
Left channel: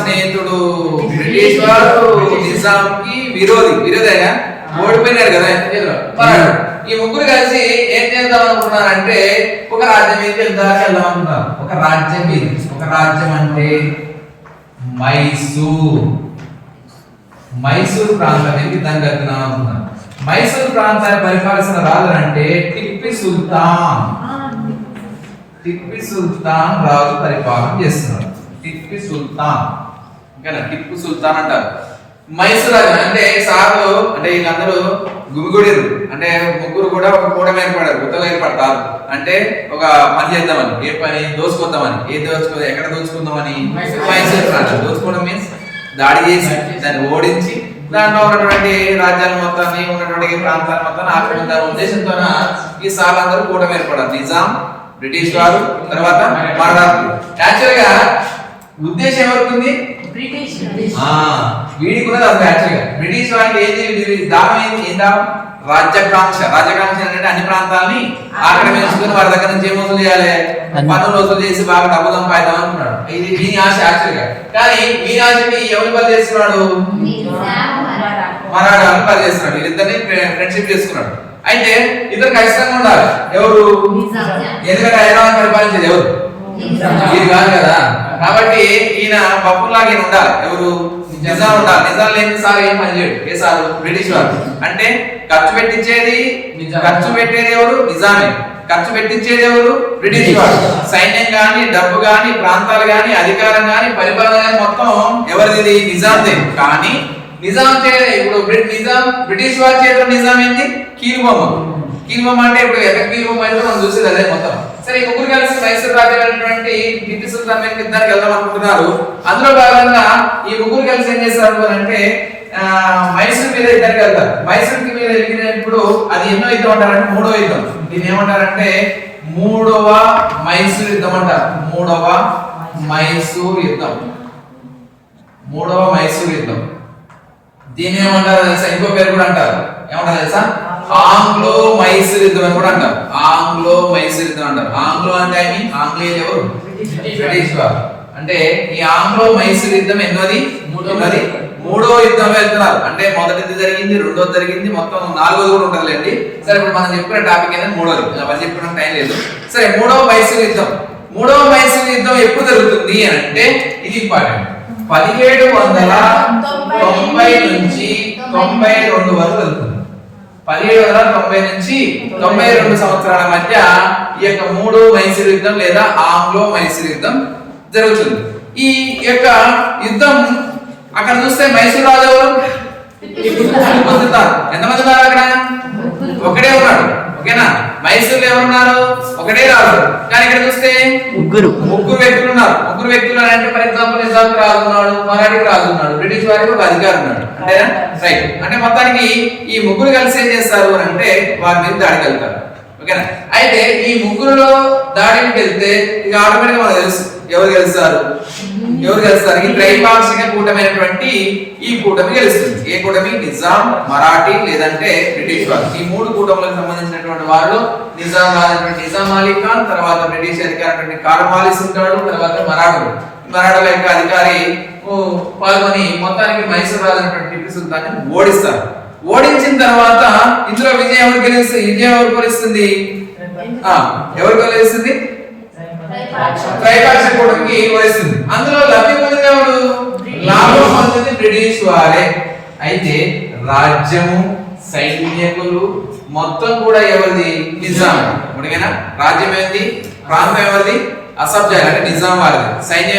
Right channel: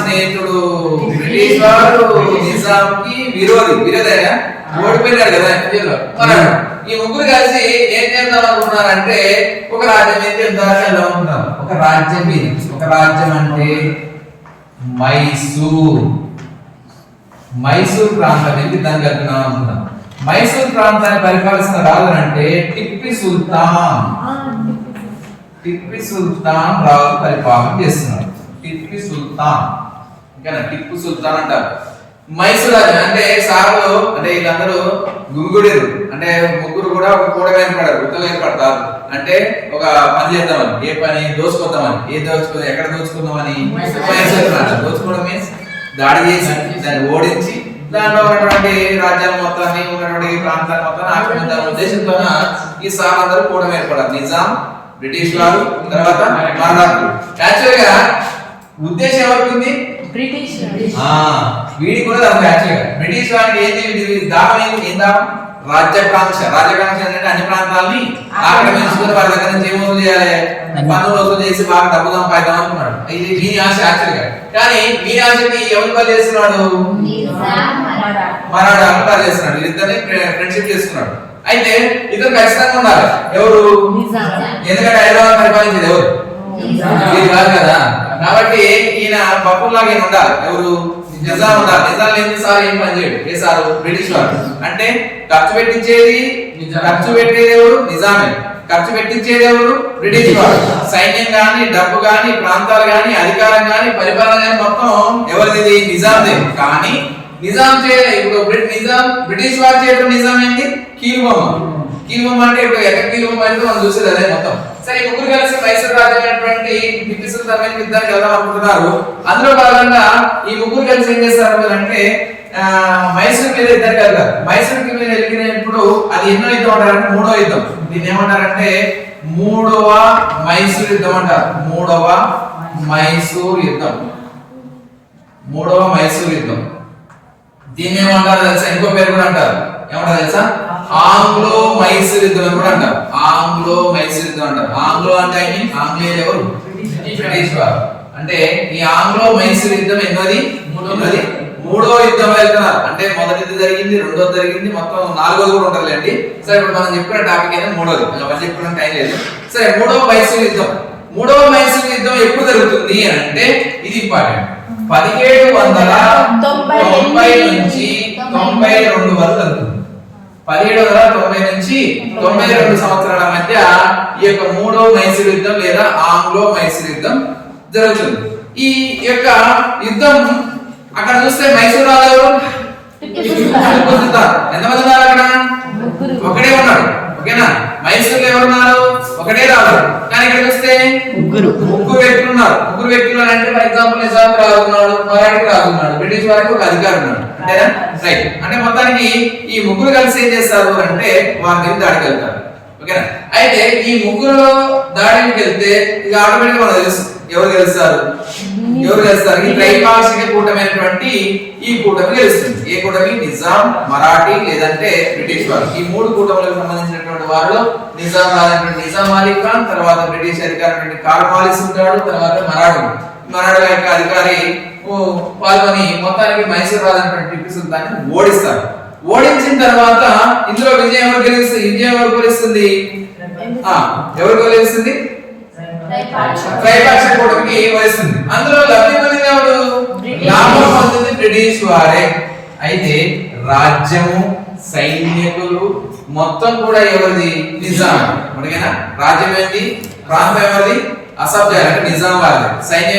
స్నేహితుడు. బ్రిటిష్ వారు నిజాంకి విరోధైనా ఓడిపోయినారు కదా. ఈ 3 కలిసి ఏం చేద్దాం అనుకున్నారంటే ఒక రాజ్యం ఏం చేద్దాం అనుకున్నారు. ఒక రాజ్యం అంటే మైసూర్ ప్రాంతం ఇది దాన్ని కలుపుతున్నాం అనుకున్నాం. మైసూర్ ప్రాంతాన్ని పరిపాలించిన రాజు అంటే టిప్పు సుల్తాన్ రాజు పరిపాలన చేస్తున్నాడు. టిప్పు సుల్తాన్ అంటారు. మైసూర్ రాజు అంటే సార్లు అంటే వీళ్ళందరూ గుమిగూడారు. అంటే 3 కూడా ఒక కూటమి ఏర్పడారు. గుర్తుగా ఏర్పడతారు. అంటే ఒక పని చేద్దామని. ఏ పని? దోచుకొద్దామని. ఎక్కడ దోచుకుందామని? మైసూర్ ప్రాంతం. దోచుకోవడం మీన్స్ దాడి చేసి దాన్ని ఓడించి దాంట్లో ఉన్నటువంటి రాజ్యాల మొత్తాన్ని ఉన్నటువంటి ప్రాంతాల మొత్తాన్ని ఆక్రమించాలనే ఉద్దేశంతో ఈ సార్లందరూ కూటమి ఏర్పడారు. నిజాం, బ్రిటిష్ వారు, తర్వాత మరాఠాలు. యాక్చువల్ గా ఉద్దేశం ఎవరికి ఉంది? వీడికి కూడా యాక్చువల్ గా బ్రిటిష్ వారికి దానం ఏం దానం? రాజ్యకాంక్ష అంటే అన్ని ప్రాంతాలని ఆక్రమించుకుని వారి దగ్గర నుంచి ఏం వసూలు చేయాలి? పన్నులు వసూలు చేసి బాగా డబ్బు సంపాదిద్దాం అనుకున్నాడు. ఇది వీని ఆశ యాక్చువల్ గా. కానీ వీని ఆశకి ఎవరు బలి చేస్తున్నాడు? మరాఠాలను బలి చేస్తున్నాడు. వీరిద్దరిని ఫ్రెండ్షిప్ చేసుకున్నాడు. అయితే ఇద్దరు ఖచ్చితంగా ఉండాలి. ఎవరు? ఎందుకంటే హైదరాబాద్ పరిపాలించేది ఎవరు? ఇది కాదు కదా. కాబట్టి ఈయన బప్పుల్లాగా ఈయన ఉండాలి. ఎవరు? నిజాం ఉండాలి. నిజాం లేని సార్ ఏం పని చేయడు. ఏ సారు? బ్రిటిష్ వారు. అంటే ఖర్చు పెట్టించేది ఎవరు? నిజామే. ఖర్చు పెట్టించేది ఎవరు? బ్రిటిష్ వారు. సైన్యం గాని, డబ్బు గాని, ప్రాంతాలు గాని, అధికారం గాని, పరిపాలన గాని మొత్తం ఎవరిది? నిజాందే. కానీ నిజాం ఇప్పుడు బ్రిటిష్ వారి చేతిలో నిజాం ఏంటి? కీలుబొమ్మ. కీలుబొమ్మ అంటే ఇప్పుడు ఎక్కడ కీలుబొమ్మ అయితే మనం చూసేది అదే మొత్తం. సరే, ఈ ముగ్గురు కలిసి మైసూర్ రాజ్యమైనటువంటి టిప్పు సుల్తాన్ మీద యుద్ధానికి వెళ్దాం అనుకుంటున్నారు. అందులో భాగంగా ఈ ముగ్గురు కలిసి ఏం చేస్తారు అంటే మైసూర్ మీద యుద్ధానికి వెళ్తారు. మైసూర్ మీద వెళ్ళినప్పుడు అది ఎన్నో యుద్ధం అంటారంటే మూడో యుద్ధం. దీన్ని ఏమంటారంటే మూడవ మైసూర్ యుద్ధం అంటారు. మూడవ మైసూర్ యుద్ధం. మూడవ మైసూర్ యుద్ధం. దీన్ని ఏమంటారు తెలుసా? ఇంకో పేరు కూడా అంటారు. ఏమంటారు తెలుసా? ఆంగ్లో మైసూర్ యుద్ధం అని కూడా అంటారు. ఆంగ్లో మైసూర్ యుద్ధం అంటారు. ఆంగ్లో అంటే ఆంగ్లేయులు ఎవరు? బ్రిటిష్ వారు. అంటే ఈ ఆంగ్లో మైసూర్ యుద్ధం ఎన్నోది? మూడో యుద్ధం వెళ్తున్నారు. అంటే మొదటిది జరిగింది, రెండోది జరిగింది, మొత్తం నాలుగోది కూడా ఉంటుందిలేండి. సరే, ఇప్పుడు మనం చెప్పిన టాపిక్ ఏదైనా మూడోది, అవన్నీ చెప్పడం టైం లేదు. సరే, మూడవ మైసూర్ యుద్ధం. మూడవ మైసూర్ యుద్ధం ఎప్పుడు జరుగుతుంది అని అంటే ఇది ఇంపార్టెంట్. 1790 నుంచి 92 వరకు జరుగుతుంది. 1790 నుంచి 92 సంవత్సరాల మధ్య ఈ యొక్క మూడో మైసూర్ యుద్ధం లేదా ఆంగ్లో మైసూర్ యుద్ధం జరుగుతుంది. ఈ యొక్క యుద్ధం అక్కడ చూస్తే మైసూర్ రాజు ఎంతమంది ఉన్నారు అక్కడ? ఒకడే ఉన్నాడు. ఓకేనా? మైసూర్ ఎవరున్నారు? ఒకటే రాజు. కానీ ఇక్కడ చూస్తే ముగ్గురు వ్యక్తులు ఉన్నారు. ముగ్గురు వ్యక్తులు అంటే ఫర్ ఎగ్జాంపుల్ నిజాం రాజు ఉన్నాడు, మరాఠీ రాజు ఉన్నాడు, బ్రిటిష్ వారికి ఒక అధికారి ఉన్నాడు. అంతేనా? రైట్. అంటే మొత్తానికి ఈ ముగ్గురు కలిసి ఏం చేస్తారు అంటే వారి మీద దాడికి వెళ్తారు. ఓకేనా? అయితే ఈ ముగ్గురులో దాడికి వెళ్తే ఇది ఆటోమేటిక్ మనకు తెలుసు ఎవరు గెలుస్తారు. ఈ త్రైపాక్షిక కూటమైనటువంటి ఈ కూటమి గెలుస్తుంది. ఏ కూటమి? నిజాం, మరాఠీ లేదంటే బ్రిటిష్ వారు. ఈ మూడు కూటములకు సంబంధించినటువంటి వారిలో నిజాం రాజైనటువంటి నిజాం అలీ ఖాన్, తర్వాత బ్రిటిష్ అధికారి కార్న్వాలిస్ ఉంటాడు, తర్వాత మరాఠా యొక్క అధికారి పాల్గొని మొత్తానికి మైసూర్ రాజైనటువంటి టిప్పు సుల్తాన్ ఓడిస్తారు. ఓడించిన తర్వాత ఇందులో విజయం ఎవరు గెలుస్తుంది? ఎవరు గెలుస్తుంది? త్రైపాక్షిక కూటమికి వహిస్తుంది. అందులో లబ్ధి పొందింది ఎవరు? లాభం పొందింది బ్రిటిష్ వారే. అయితే రాజ్యము, సైనికులు మొత్తం కూడా ఎవరిది? నిజాం. ఓకేనా? రాజ్యం ఏంది? ప్రాంతం ఎవరిది? అసబ్జాల్ అంటే నిజాం వారిది. సైన్యం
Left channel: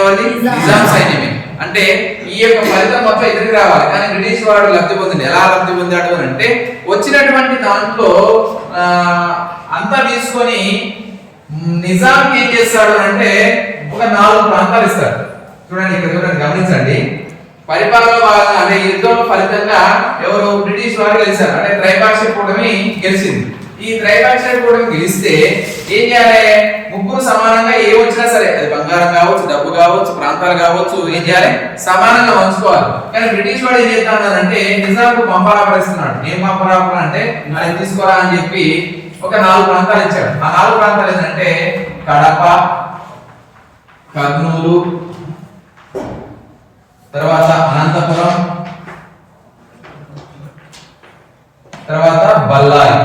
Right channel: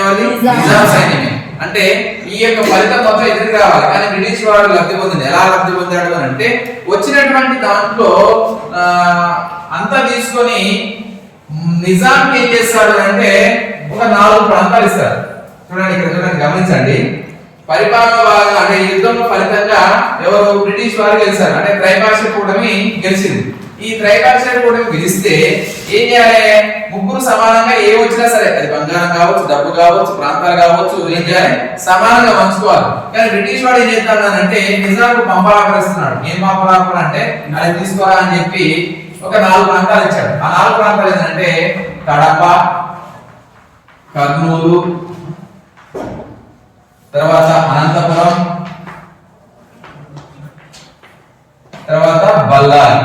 ఎవరిది? నిజాం సైన్యమే. అంటే ఈ యొక్క ఫలితం మొత్తం ఎదురు రావాలి. కానీ బ్రిటిష్ వాడు లబ్ధి పొందింది. ఎలా లబ్ధి పొందాడు అని అంటే వచ్చినటువంటి దాంట్లో అంతా తీసుకొని నిజాంకి ఏం చేస్తాడు అంటే ఒక 4 ప్రాంతాలు ఇస్తాడు. చూడండి, ఇక్కడ చూడండి, గమనించండి. పరిపాలన భాగంగా అంటే యుద్ధం ఫలితంగా ఎవరు? బ్రిటిష్ వారు గెలిచారు. అంటే త్రైపాక్షిక కూటమి గెలిచింది. ఈ త్రైపాక్షిక కూటమి గెలిస్తే ఏం చేయాలి? ముగ్గురు సమానంగా ఏ వచ్చినా సరే, అది బంగారం కావచ్చు, డబ్బు కావచ్చు, ప్రాంతాలు కావచ్చు, ఏం చేయాలి? సమానంగా పంచుకోవాలి. కానీ బ్రిటిష్ వాడు ఏం చేస్తాడంటే నిజాంకు పంపరాపరిస్తున్నాడు. ఏం పంపరాపర అంటే అది తీసుకోరా అని చెప్పి ఒక 4 ప్రాంతాలు ఇచ్చాడు. ఆ 4 ప్రాంతాలు ఏంటంటే కడప, కర్నూలు, తర్వాత అనంతపురం, తర్వాత బళ్ళారి.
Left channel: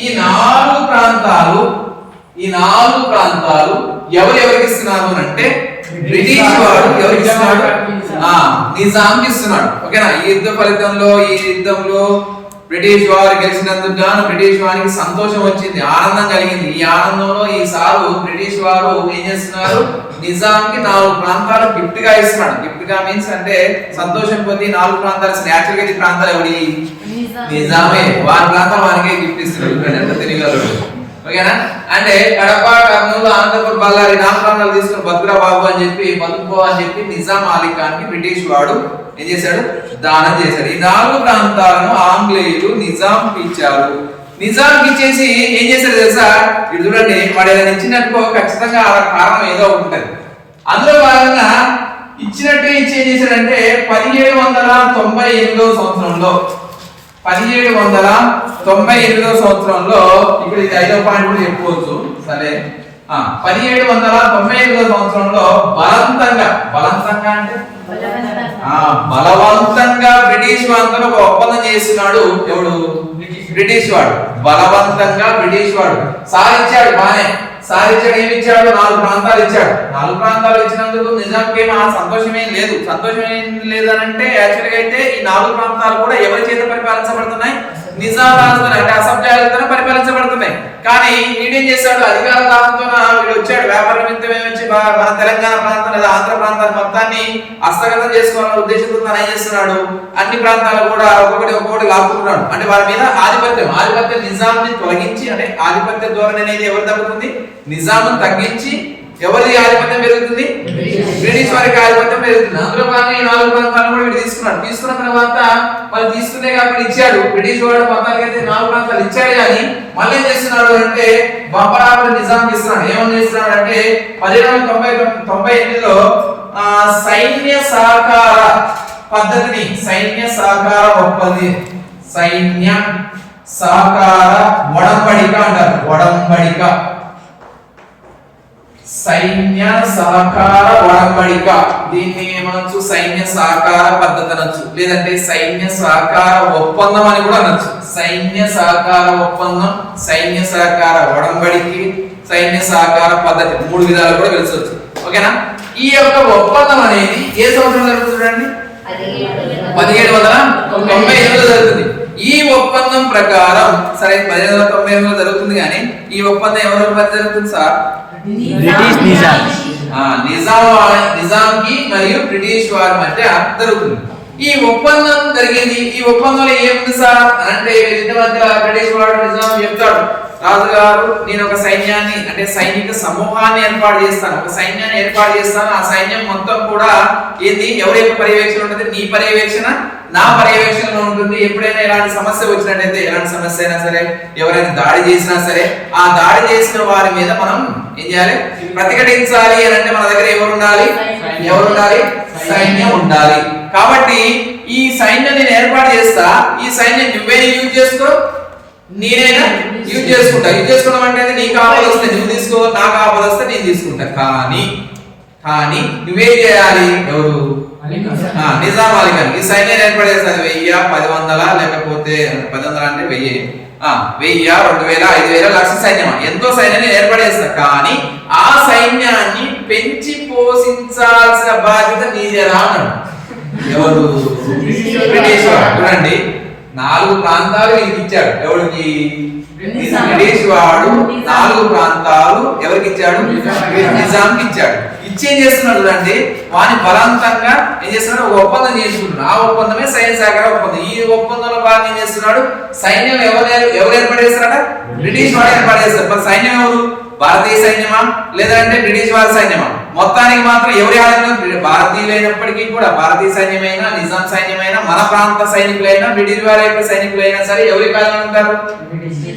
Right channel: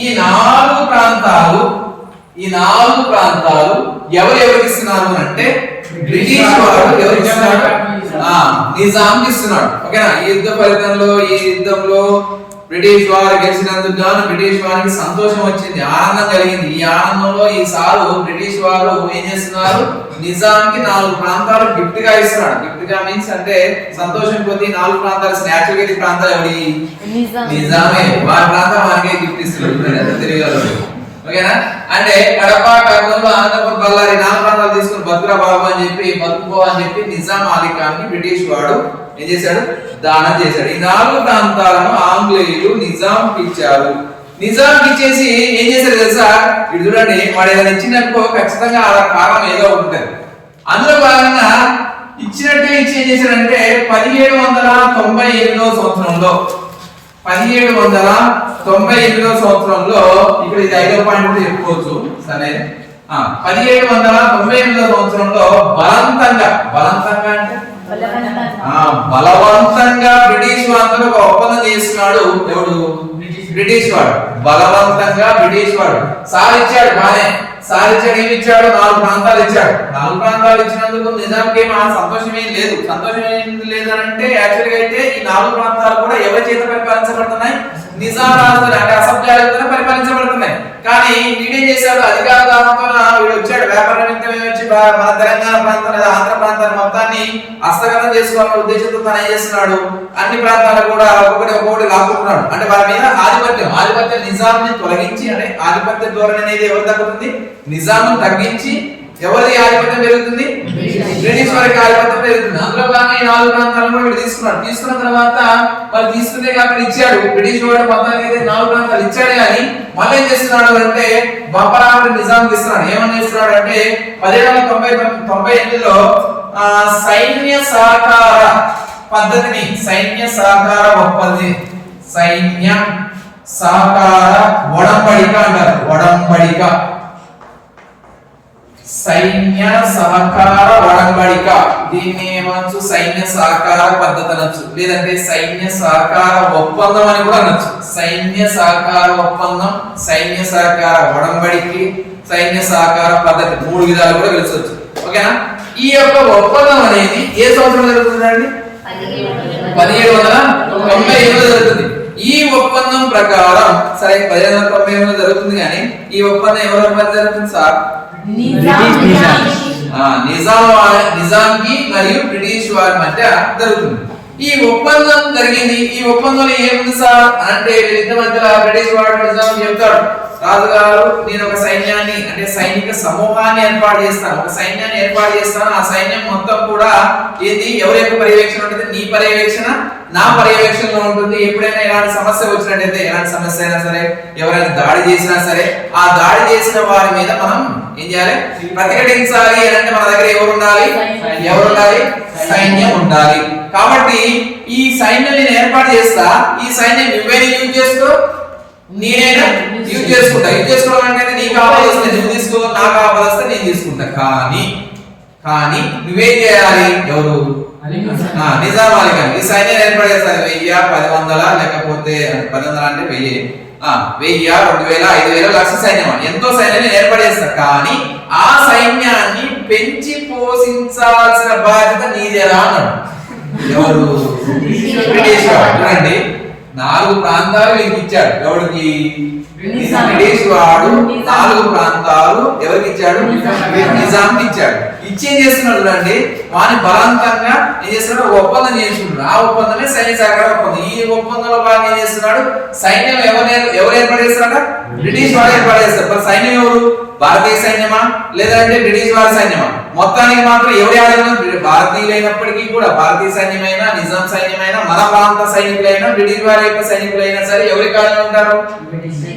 ఈ 4 ప్రాంతాలు ఎవరికి ఇస్తున్నారు అంటే బ్రిటిష్ వాడు ఎవరికి ఇస్తున్నాడు? నిజాంకి ఇస్తున్నాడు. ఓకేనా? ఈ యుద్ధ ఫలితంలో ఈ యుద్ధంలో బ్రిటిష్ వారు గెలిచినందుకు గాను బ్రిటిష్ వారికి సంతోషం వచ్చింది, ఆనందం కలిగింది. ఈ ఆనందంలో ఈసారి బ్రిటిష్ వారు ఏం చేస్తున్నారు? నిజాంకి 4 ప్రాంతాలు గిఫ్ట్ గా ఇస్తున్నాడు. గిఫ్ట్ గా మీన్స్ అంటే సంతోషం కొద్ది 4 ప్రాంతాలు నేచురల్ ప్రాంతాలు ఎవరి? నిజామే. వారి ప్రాంతం వారికే గిఫ్ట్ ఇస్తున్నాడు. ఎంత తెలియగలరు. ఓకేనా? అంటే కడప, కర్నూలు, అనంతపురం, బళ్ళారి 4 ప్రాంతాలు తీసుకుని బతుకురా బాబు అని చెప్పి బతుకుపో అని చెప్పి నిజాం అలీ ఖాన్ ని బ్రిటిష్ వాడు ఏం చేశాడు? దానం చేశాడు. ఈ 4 ప్రాంతాలను ఆంగ్లేయులు నిజాంకి ఇచ్చారు. నిజాంకి ఇచ్చేసి ఏం చేశారు తెలుసా? ఇది చూడండి, వాడు ఏదైనా ఇచ్చినట్టుకో ఖచ్చితంగా ఆ కారణం ఏదో ఉంటుంది. అందులో భాగంగా ఇచ్చినట్టే ఇచ్చి ఏం చేశాడంటే 1798 సంవత్సరంలో 1798 సంవత్సరంలో ఇప్పుడు ఇది 5వ పాయింట్ కూడా చెప్పుకోవచ్చు. సరే, 1798 సంవత్సరంలో బలవంతంగా అంటే బలవంతంగా బ్రిటిష్ వారితో ఒక ఒప్పందం చేస్తున్నాడు. ఎవడు? బ్రిటిష్ వాడు. బలవంతంగా బ్రిటిష్ వాడు సాధించాడు. బానే సాధించాడు. ఏమి ఇచ్చాడు? 4 ప్రాంతాలు ఇచ్చాడు. 4 ప్రాంతాలు ఇచ్చినందుకు నిజాంకి సంతోషం ఏం లేదు. సంతోషం ఏం లేదనంటే యాక్చువల్గా అయితే ఈ 4 ప్రాంతాలు కూడా ఎవరి చేత పరిపాలించబడుతున్నాయి? నిజాం రాజుతో అంటే అసభ్యాలతోనే పరిపాలించబడుతున్నాయి. కానీ వీడేం చేశాడు? అధికార దాహంతో వీడు వచ్చాడు. వ్యాపార నిమిత్తం వచ్చి మన తెలంగాణ ప్రాంతం లేదా ఆంధ్ర ప్రాంతాన్ని మొత్తాన్ని హస్తగతం చేసుకోవాలనే ఉద్దేశంతో తను ఏం చేస్తున్నాడు? అన్ని ప్రాంతాలు కూడా ఒక్కొక్కటి లాక్కుంటున్నాడు. అంటే వారి మీద ఆధిపత్యం నిజాంని తొలగించి, అంటే ఆధిపత్య ధోరణి అనేది ఎవరు తగ్గుతుంది? నిజాంను తగ్గించి ఎవరి ఆధిపత్యం పెరుగుతుంది? బ్రిటిష్ వారికి ఆధిపత్యం పెరుగుతుంది. అందులో భాగంగా ఈ 4 ప్రాంతాలను కూడా వీడు తీసుకున్నాడు. తీసుకున్న తర్వాత వాళ్ళు తీసుకుంటే అక్కడ ఇచ్చాడు. బ్రిటిష్ వాడు మొత్తానికి అయితే 4 ప్రాంతాలు ఇచ్చాడు. కానీ మళ్ళీ ఏం చేస్తున్నాడు అంటే బంపరాపరి నిజాంకి ఇస్తున్నాడు. ఏమని చేస్తున్నాడు అంటే 1798లో సైన్య సహకార పద్ధతిని, సైన్య సహకార ఒప్పందం, సైన్య సహకార ఒడంబడిక అంటారు. ఒడంబడిక, సైన్య సహకార ఒడంబడిక. దీన్ని ఏమనొచ్చు? సైన్య సహకార పద్ధతి అనొచ్చు, లేదంటే సైన్య సహకార ఒప్పందం అని కూడా అనొచ్చు. సైన్య సహకార ఒప్పందం, సైన్య సహకార ఒడంబడికి, సైన్య సహకార పద్ధతి 3 విధాలు కూడా తెలుసొచ్చు. ఓకేనా? ఈ యొక్క ఒప్పందం అనేది ఏ సంవత్సరం జరుగుతుందండి? 1798 జరుగుతుంది. ఈ ఒప్పందం ప్రకారం సరే 1798 జరుగుతుంది. కానీ ఈ ఒప్పందం ఎవరి మధ్య జరుగుతుంది సార్? నిజాంకి మరియు బ్రిటిష్ వారి మధ్య జరుగుతుంది ఈ ఒప్పందం జరిగింది. ఈ ఒప్పందంలో ఏముంది సార్ అంటే వీళ్ళిద్దరి మధ్య బ్రిటిష్ వాడు నిజాం చెప్తాడు, రాజుగారు నేను ఒక సైన్యాన్ని అంటే సైనిక సమూహాన్ని ఏర్పాటు చేస్తాను, ఒక సైన్యాన్ని ఏర్పాటు చేస్తాను. ఆ సైన్యం మొత్తం కూడా ఏంది? ఎవరి యొక్క పర్యవేక్షణ ఉంటుంది? నీ పర్యవేక్షణ, నా పర్యవేక్షణలో ఉంటుంది. ఎప్పుడైనా ఎలాంటి సమస్య వచ్చినట్టయితే, ఎలాంటి సమస్య అయినా సరే, ఎవరైనా దాడి చేసినా సరే, ఆ దాడి చేసిన వారి మీద మనం ఏం చేయాలి? ప్రతిఘటించాలి అని అంటే మన దగ్గర ఎవరు ఉండాలి? సైన్యం ఉండాలి. కాబట్టి ఈ సైన్యం నేను ఏర్పాటు చేస్తా. ఈ సైన్యం నువ్వేనా యూజ్ చేసుకో, నేనైనా యూజ్ చేసుకుంటా. యూజ్ చేసుకోవడం అంటే నీకు ఆపద వస్తే నువ్వు తీసుకో, నాకు ఆపద వస్తే నేను తీసుకుంటా. కానీ నువ్వేం చేయాలి? ఎవరు? నిజాం అలీ ఖాన్ ఈ సైన్యాన్ని ఏర్పాటు చేస్తారు. 1000, 1000 లేకపోతే 1000 అంటే 1000, 1000, 2000, 5000 లక్ష సైన్యం, ఎంతో సైన్యాన్ని ఏర్పాటు చేస్తారు. కానీ ఆ సైన్యాన్ని పెంచి పోషించాల్సిన బాధ్యత నీదేరా అన్నాడు. ఎవరు? బ్రిటిష్ వాడు. చూడండి 4 ప్రాంతాలు వీరికి ఇచ్చాడు. ఎవరికి? బ్రిటిష్ వాడు 4 ప్రాంతాలు ఎవరికి ఇచ్చాడు? నిజాంకి ఇచ్చాడు. ఇచ్చేం చేస్తున్నాడు అండి? వాని బలవంతంగా ఏం చేస్తున్నాడు? ఒక ఒప్పందం చేసుకుంటున్నాడు. ఆ ఒప్పందమే సైన్య సహకార ఒప్పందం. ఈ ఒప్పందంలో భాగంగా ఏం చేస్తున్నాడు? సైన్యం ఎవరు ఏర్పాటు చేస్తున్నాడు? బ్రిటిష్ వాడు ఏర్పాటు చేస్తారు. మరి సైన్యం ఎవరు? భారతీయ సైన్యమా లేదంటే బ్రిటిష్ వారి సైన్యమా? మొత్తానికి మాత్రం ఎవరి ఆధీనంలో? భారతీయులైనప్పటికీ కూడా భారతీయ సైన్యమైనా, నిజాం సైన్యమైనా, మన ప్రాంత సైనికులైనా, బ్రిటిష్ వారి యొక్క సైనికులైనా సరే ఎవరి కాలంలో ఉంటారు?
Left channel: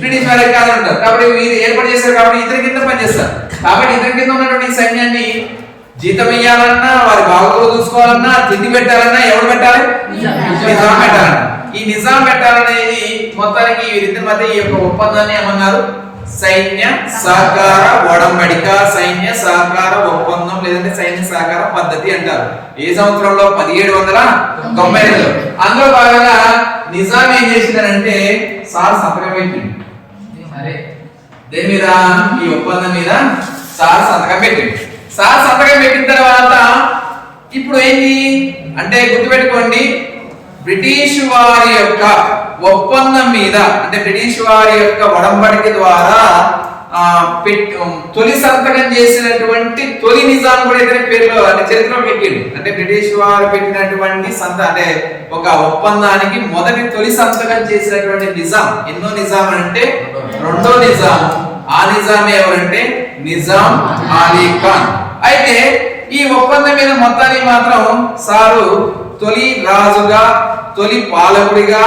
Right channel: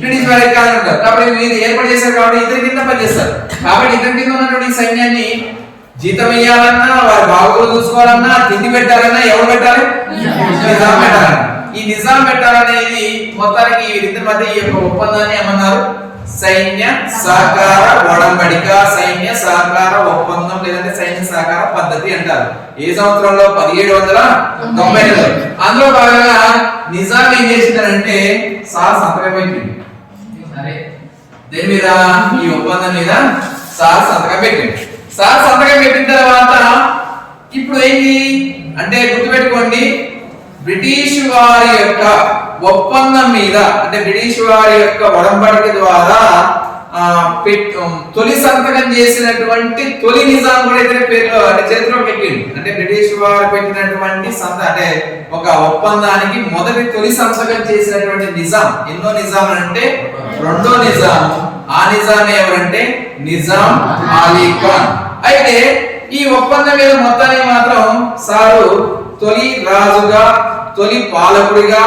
బ్రిటిష్ వారి కాలంలో ఉంటారు. కాబట్టి వీరు ఏర్పాటు చేశారు కాబట్టి ఇతని కింద పనిచేస్తారు. కాబట్టి ఇతని కింద ఉన్నటువంటి సైన్యాన్ని జీతం ఇయ్యాలన్నా, వారి బాగోగులు చూసుకోవాలన్నా, తిండి పెట్టాలన్నా ఎవరు పెట్టాలి? నిజాం పెట్టాలన్నా. ఈ నిజాం పెట్టాలనేది మొత్తానికి వీరిద్దరి మధ్య ఈ యొక్క ఒప్పందాన్ని ఏమన్నారు? సైన్య సహకార ఒడంబడిక, సైన్య సహకార ఒప్పందం లేదంటే సైన్య సహకార పద్ధతి అంటారు. ఏ సంవత్సరంలో? 1792. అందులో భాగంగా నిజాం ఏం చేసిందంటే సార్ సంతకం పెట్టింది. అరే దేని మీద? ఈ ఒప్పందం మీద సార్ సంతకం పెట్టింది. సార్ సంతకం పెట్టిన తర్వాత ఇప్పుడు ఏంటి అంటే గుర్తుపెట్టుకోండి, బ్రిటిష్ వారి యొక్క ఒప్పందం మీద అంటే బ్రిటిష్ వారి యొక్క ఒడంబడిక ద్వారా తొలి సంతకం చేసినటువంటి తొలి నిజాం కూడా ఇతని పేరులో అంటే చరిత్రలో పెట్టిండు. అంటే బ్రిటిష్ వారు పెట్టినటువంటి అంటే ఒక ఒప్పందానికి తొలి సంతకం చేసినటువంటి నిజాం ఎన్నో నిజాం అంటే రెండో నిజాం. ఆ నిజాం ఎవరంటే నిజాం అలీ ఖాన్. అయితే ఈ ఒప్పందం మీద మొత్తానికి మాత్రం సారు తొలి రాజుగా, తొలి పాలకుడిగా,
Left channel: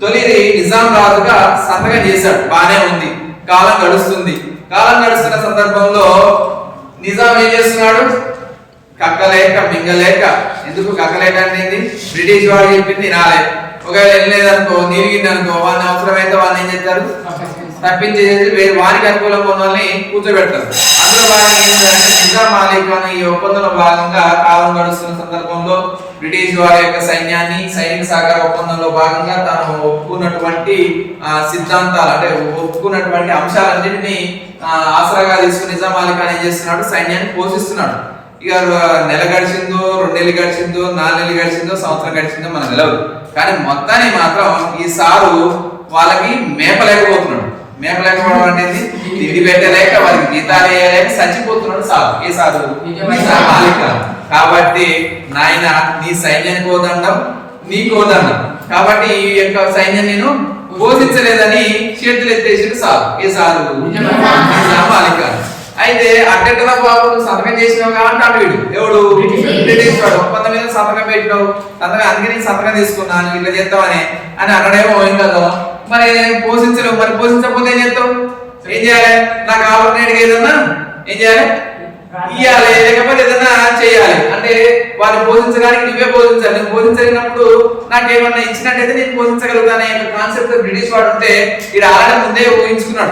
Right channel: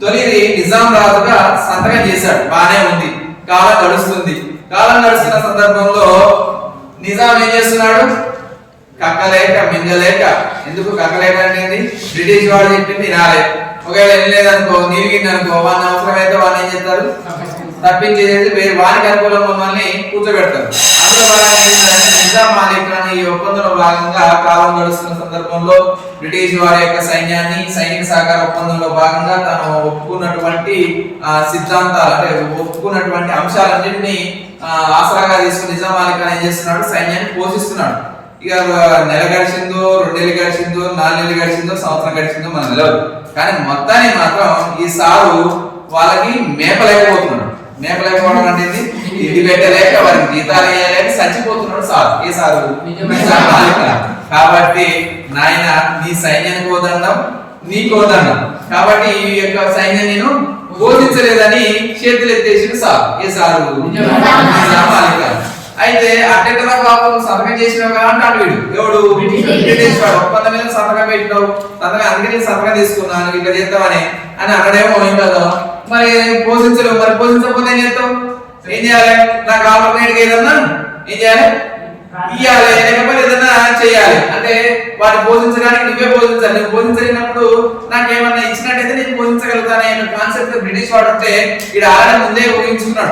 తొలి నిజాం రాజుగా సంతకం చేశాడు. బానే ఉంది. కాలం గడుస్తుంది. కాలం గడుస్తున్న సందర్భంలో నిజాం ఏం చేస్తున్నాడు? కక్కలేక మింగలేక, ఎందుకు కక్కలేక అంటే బ్రిటిష్ వాడు చెప్పింది వినాలి. ఒకవేళ వెళ్ళలేదనుకో, నీరిగిందనుకో, వాడిని అవసరమైతే వాళ్ళు ఏం చేస్తారు? తప్పించేది వేరు వారికి అనుకూలంగా ఉన్న వాళ్ళని కూర్చోబెడతారు. అందులో భాగంగా ఏంటంటే నిజాం అలీ ఖాన్ ఈ ఒప్పందంలో భాగంగా కాలం గడుస్తున్న సందర్భంలో బ్రిటిష్ వారి యొక్క సైన్యాన్ని సైనిక సహకార ఒప్పందంలో భాగంగా తాను ఒప్పుకున్నటువంటి సిద్ధాంతాలు అంటే ఒప్పుకున్నటువంటి అంశాలన్నింటినీ ఆసరాగా తీసుకుని నిజాం అలీ ఖాన్ ఏం చేస్తున్నాడు, సైన్యాన్ని పోషిస్తున్నాడు. ఇక నెల గడిచిందో, 2 నెలలు గడిచిందో, 4 నెలలు గడిచిందో, సంవత్సరం గడిచిందో మనకు తెలియదు. కానీ మొత్తాన్ని మాత్రం ఈ సారు వాళ్ళకి మేపలేకపోతున్నాడు. మేపలేకపోవడం అనేది తిండి పెట్టలేక వారికి జీతాలు వేయలేక చచ్చిపోతున్నాడు సారు. ఏ సారు? కాబట్టి నాయన నీ సైన్యానికి కోదండం, నీ కోదండం. కాబట్టి ఈ యొక్క సైన్యం నేను బోధించలేదని చేతులు ఎత్తేసి సారు. ఏ సారు? నిజాం అలీ ఖాన్. అయితే అట్టెట్టన బాబు సంతకం చేసినావు కాబట్టి అటు వీడు ఎవడు? బ్రిటిష్ వాడు. ఒప్పందం మీద సంతకం పెట్టినావు, సంతకం అందుకే సంతకం తీసుకున్నాను ఇట్లా చేస్తామని అని అన్నాడేమో. ఏం కదా మరి పోషించలేవు, మరి పోషించకపోతే ఏం చేస్తావు? ఏం చేయాలి? నాకు ఆల్టర్నేట్ ఏదన్నా ఏం చేయాలి? ఇయ్యాలి, లేకపోతే ఏదన్నా చేయాలి. అంటే వారిని పోషించడానికి నువ్వే పోషించాలి. నువ్వు పోషించలేనప్పుడు నాకేమన్నా ఇచ్చినట్టయితే నేను పోషించగలుగుతానే కాన్సెప్ట్ బ్రిటిష్ వాడు ఉంటే ఇక్కడ ఆల్రెడీ ముందే ఊహించుకున్నాడు.